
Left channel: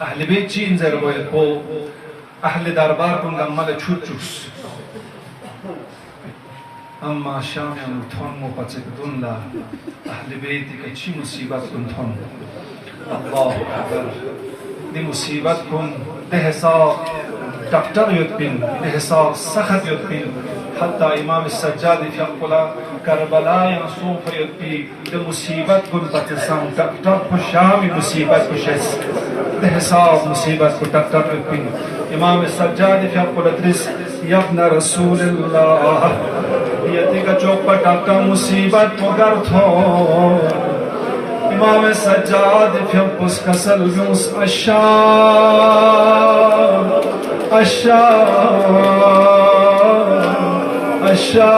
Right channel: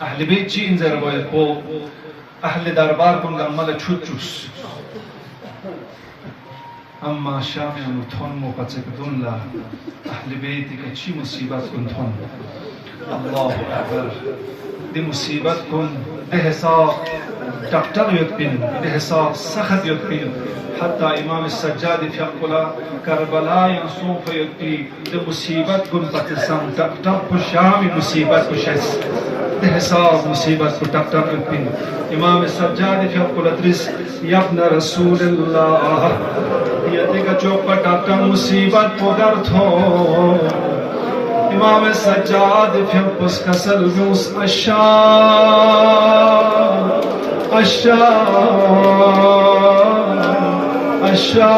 अहले बैत चीन ज़रबा को अहले दरबार को गम्मल छुचुस अम्मा शामी यम थोन मुपचक दुन्ला अहले बैत के ची मुसीबत कुन थोन अल्लाह अकबर दि मुसीबत कुन बेहसाब डॉक्टर युद्ध बेहसाब सख्त युद्ध हत्ता इमाम सज्जाद फ़िक़ुला करबला या सूफ़ युद्ध मुसीबत गुन पतिसम डॉक्टर को शामी मुसीबत को शेस बेहसाब मुसीबत को डॉक्टर युद्ध इमाम सज्जाद फ़िक़ुला त्रिस यब्न रसूलल्लाह ये देखा चौक पर डॉक्टर मुसीबत को कर थो इमाम सज्जाद फ़िक़ुस कसर यूस अशा अशा अशा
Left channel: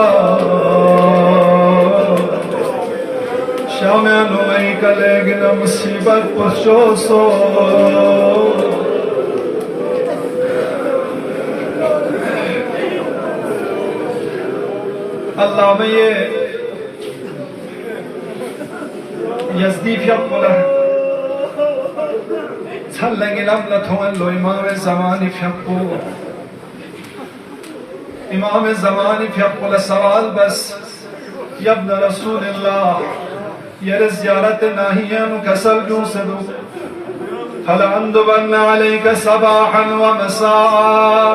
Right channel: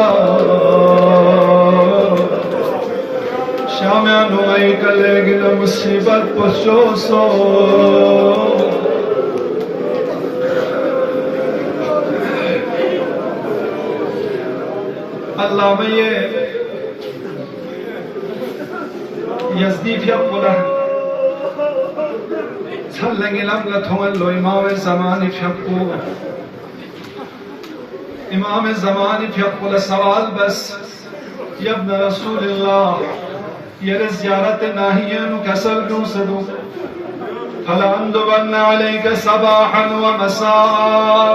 शामिया नुमाई कलेगी न मुसीबत पशो सो अल्लाह में ये यज़दीफ़ यक़ुला छल्लंगी लम्ला थोंल लो इमाम ज़मानी फ़िक़ु इमाम ज़मानी फ़िक़ुला सवाल बस यब्न रसूलिल्लाह ये ज़ियारत नाहियानु कसल दूँ सदू फलअंदुबन्न अलैका सबाहन व मसाआ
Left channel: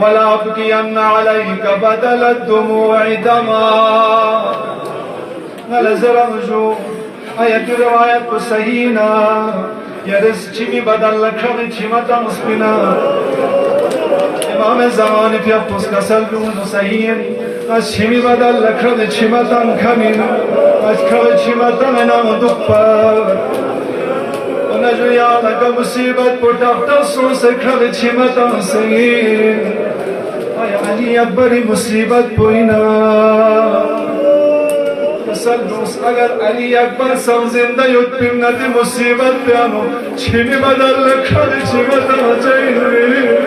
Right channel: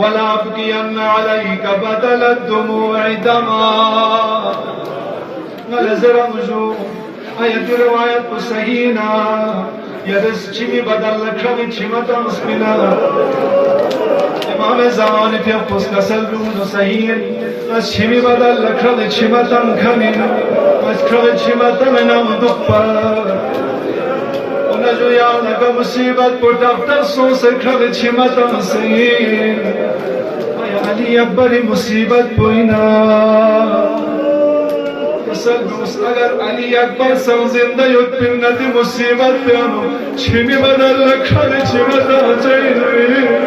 वला अब्कियन्न अलैका बदल दुमू'i दमा वलज़रमजू आयत रिवायत को सही ना यरस चिमी बदल लखन चिमतम स्पिना इमाम ज़मानी फ़िक़ुस कसल दूँ सही आज चिमी बदल लखन चिमतम खमिन आज खल चिमतम नाम दुप्पर जो याद का मुसीबत पर डॉक्टर सो से खल चिमतम सही अली अकबरी मुसीबत पोइना अगर अली अकबर सब जिंदा युद्ध मुसीबत प्यानो छिमी बदल खल चिमतम चाहिए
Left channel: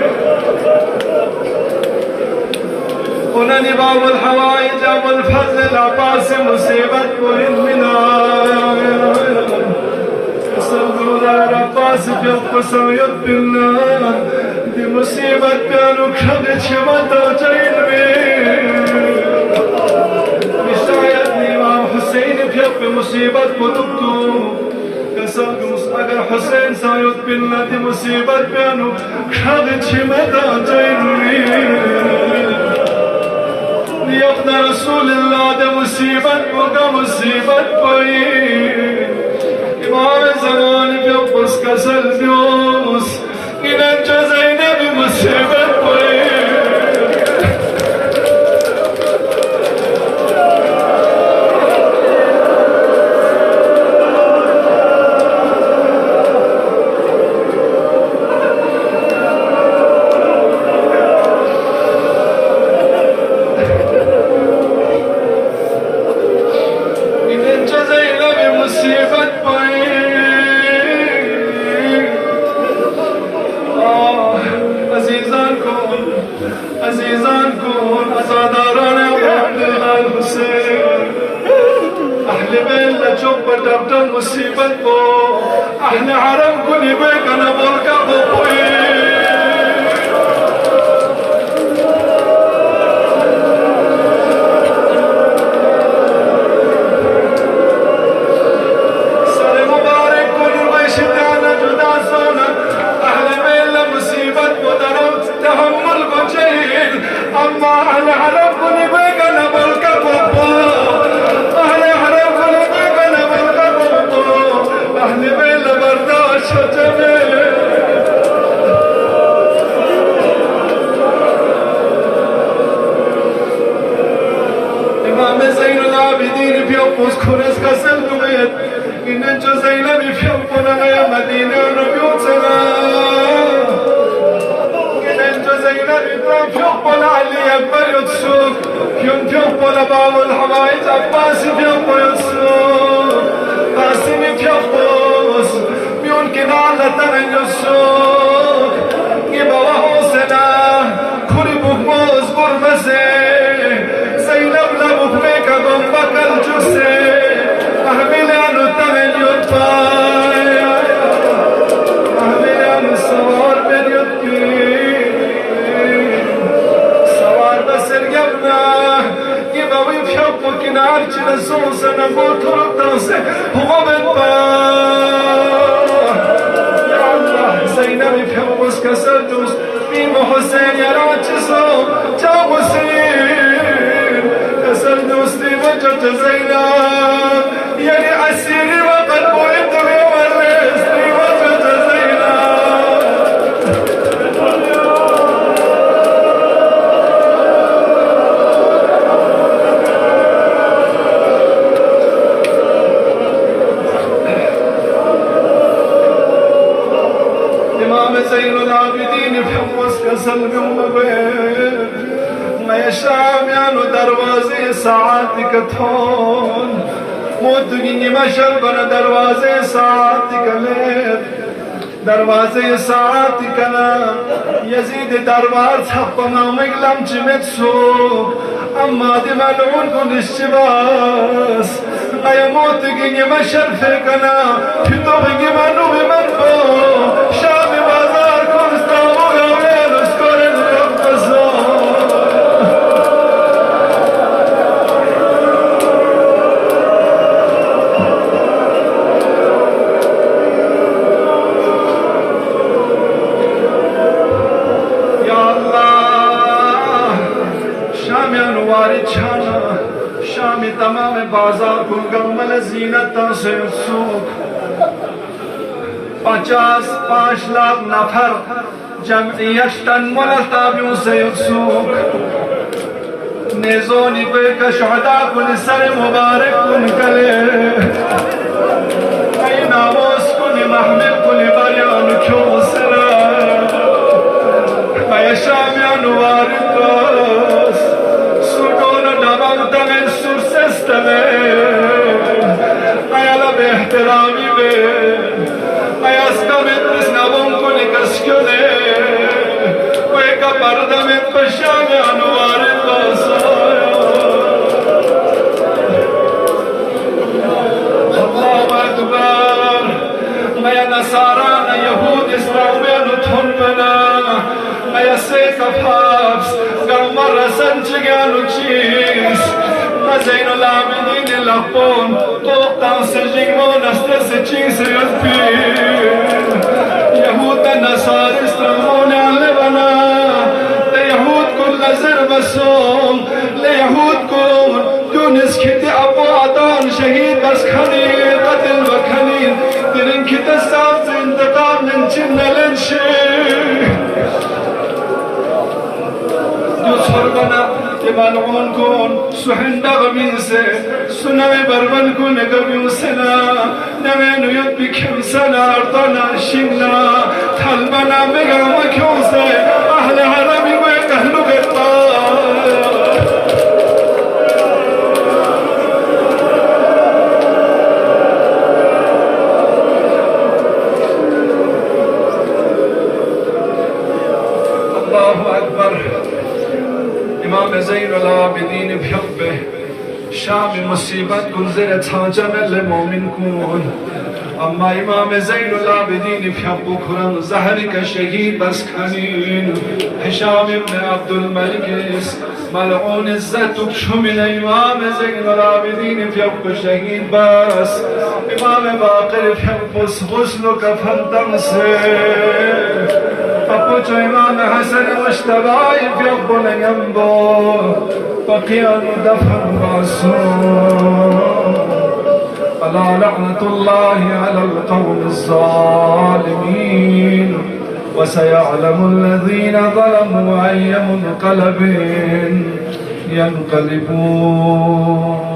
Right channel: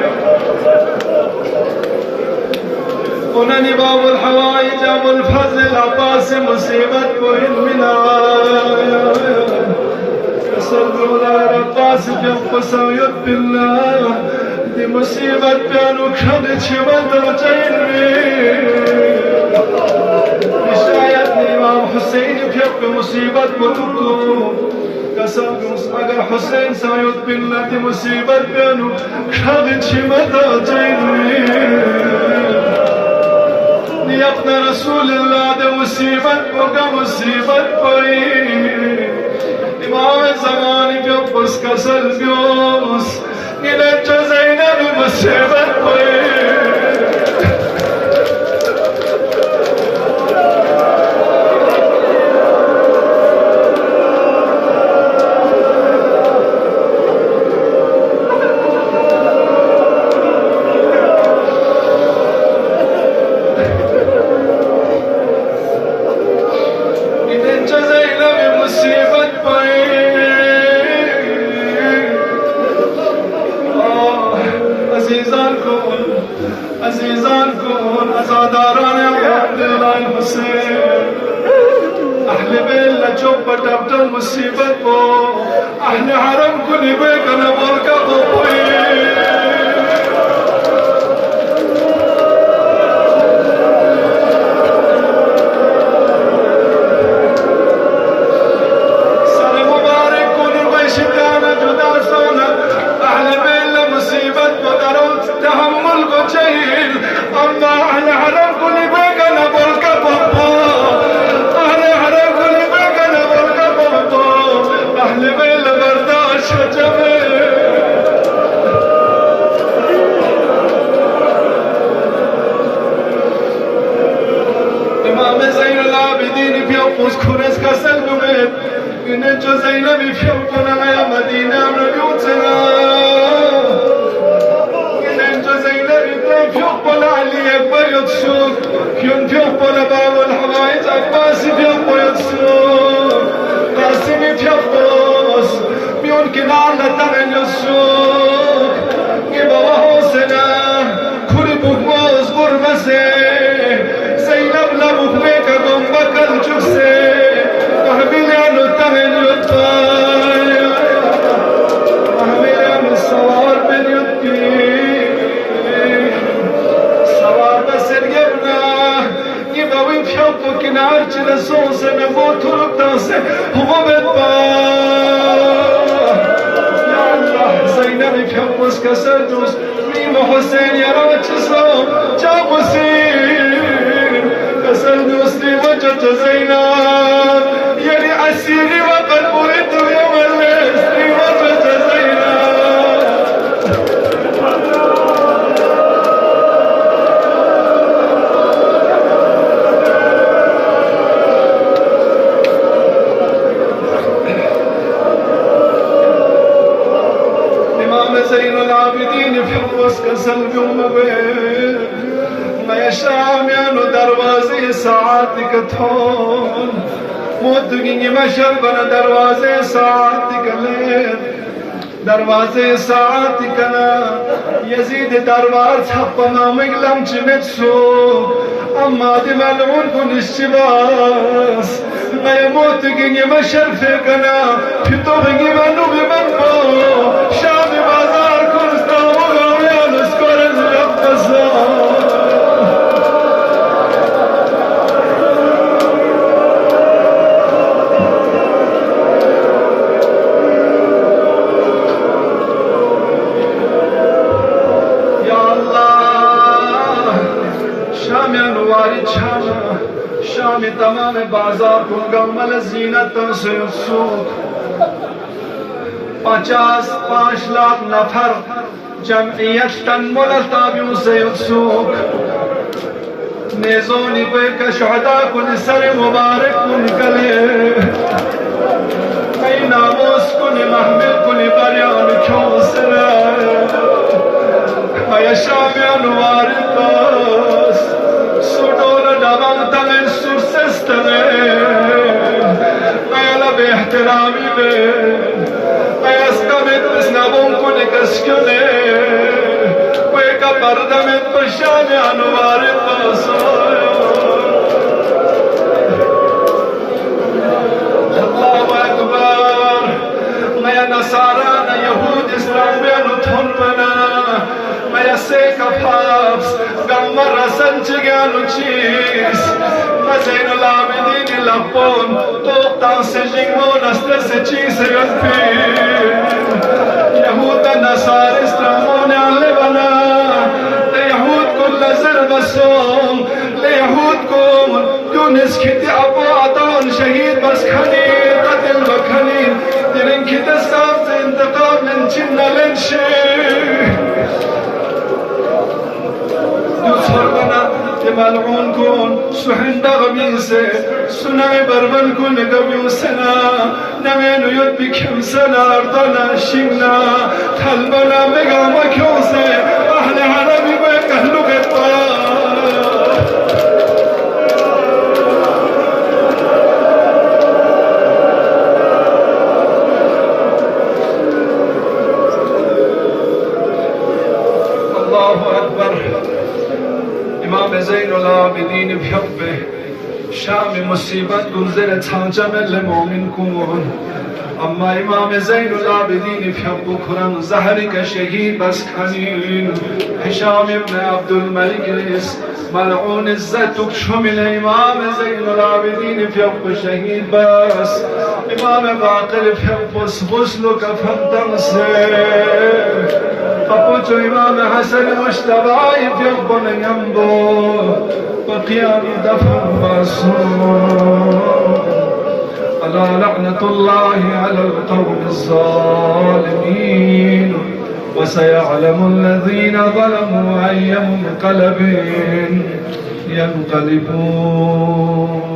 उन्हें बाबुल हवाई जाबुल फज़ल अब्बास मुसीबत को इल्मिना अब्बास जब पसंद बिल्लाह दी मुसीबत प्यारो खद छिमतम चाहिए शायद इमाम हुसैन पे मुसीबत को कसम अगर हुसैन सायुद बिल्लाह दी मुसीबत प्यारो खद छिमतम चाहिए अपना रसूल रसूलुल्लाह दे मुसीबत को मुसीबत कोई इमाम ज़मान पे बस कसर जोस इन्हें चज़ैना भी मुसीबत कोई मुसीबत को अहले हरम को निभे कनबर का बोए सरे मुबारक को नुर शिताना जुदा सोना अहले बेल मुसीबत को दरो तहम्मुल को चाहिए अम्मा अहले हरम को निभे कनबर का बोए अहले बेल बर्दाश्त जमे इमाम ज़ैनुल आबिदीन पियो पुस खुरस का सलुमेत इन्हें जो ज़ैनबी पियो पुनरे मदीना रुयूतना इन्हें जो ज़ैनबी पियो पुन अली अकबर युत्सुक पियो पुन बाबुल हवाइज अब्बास पियो पुन युत्सुक قاسم فيبوس بيون كنال تمن السوق يبا حسنا كل بوز برمسه زينب لبوك غمك الجسه اهبل انو تمن يطايا اهبل انو سوار بن يطي سوار بسر يبنا يبا ويبحبك نار جنا سوسه نموت رقصه هو بالبا يا الله زينب بحبس كسدوس ميم حسين يا راجسو جاب سير كسدوس دي وجهة زينب يلي عسيري وقد بريت اليوم الليل دي وجهة زينب ज़ैनुल आबिदीन फिरौस का सल्म मुबीन मैं शामियानो दरवाज़े सात कथोन मोतगी मशर बन दरवाज़े सात कले दरवाज़े सात कना यजीद दरबार छप्पना मगलम चिमित सो अम्मा दि मलून को निश्चिबास मैं मोतगी मशर फेकना फितो बगी मनु बिमरको शाम बाजार को इस्तांबुल में नस्कर रब्बसा या अल्लाह शाम अनुवारी छाना शाम तमाम बाजार को गमल जीनत से सूख 55 लाख नफर जमइयत तन मुलताबियों से उत्सुक नेज़ोनी पे का शुहदा कुल सर मुबारक कुन कले कई नामोस कुन महमिल कुन बरियान क्यों सरा मैं शामियान वारिस सुडोन डबन तमे सुरसस्तमे आला बेहतरामी में Pardamit paşane anvari basaya Allahu Ekber Maya Nasarana Yahud İslam benu tunmena Maya Sekaf Hafs Gamar Rasan Çiganu Çiz Zeynul Abidin Lahpon Toqtan Sejing Monastre Seçin Seyazbir Yahuda Nasar İslamone Alebana Yahud kull zır basum ليهود كون تونس كتي أبو عطان شهيد بس خليل قتل وخليل ترين كتستان انتقام من جنة لنشي دوسر بنا ملعون كون سحن دغميسه سنوي بربن كون قبيوسنا نمين يد بكم سنة أرطنا شنا تلبنا بغا وكوسه أهل هرمي وأهل غطاء الله أكبر إمام زين العابدين بحبه شام مصيبت گذرت حاجم المؤمن كون أما إمام زين العابدين بحبه قرآن زهرك شهيد بس خنين هشام بن عبد الملك ملعون الزتك شمل إمام زين العابدين بحبه شهيد بس إمام باقر بحبه غسلك فلتنسي فقلت إمام حسن مشتبعي في ربنا ينبو فقيام دفع معصوم ألا لعنة الله على القوم الظالمين وسيعلم الذين ظلموا أي منقلب ينقلبون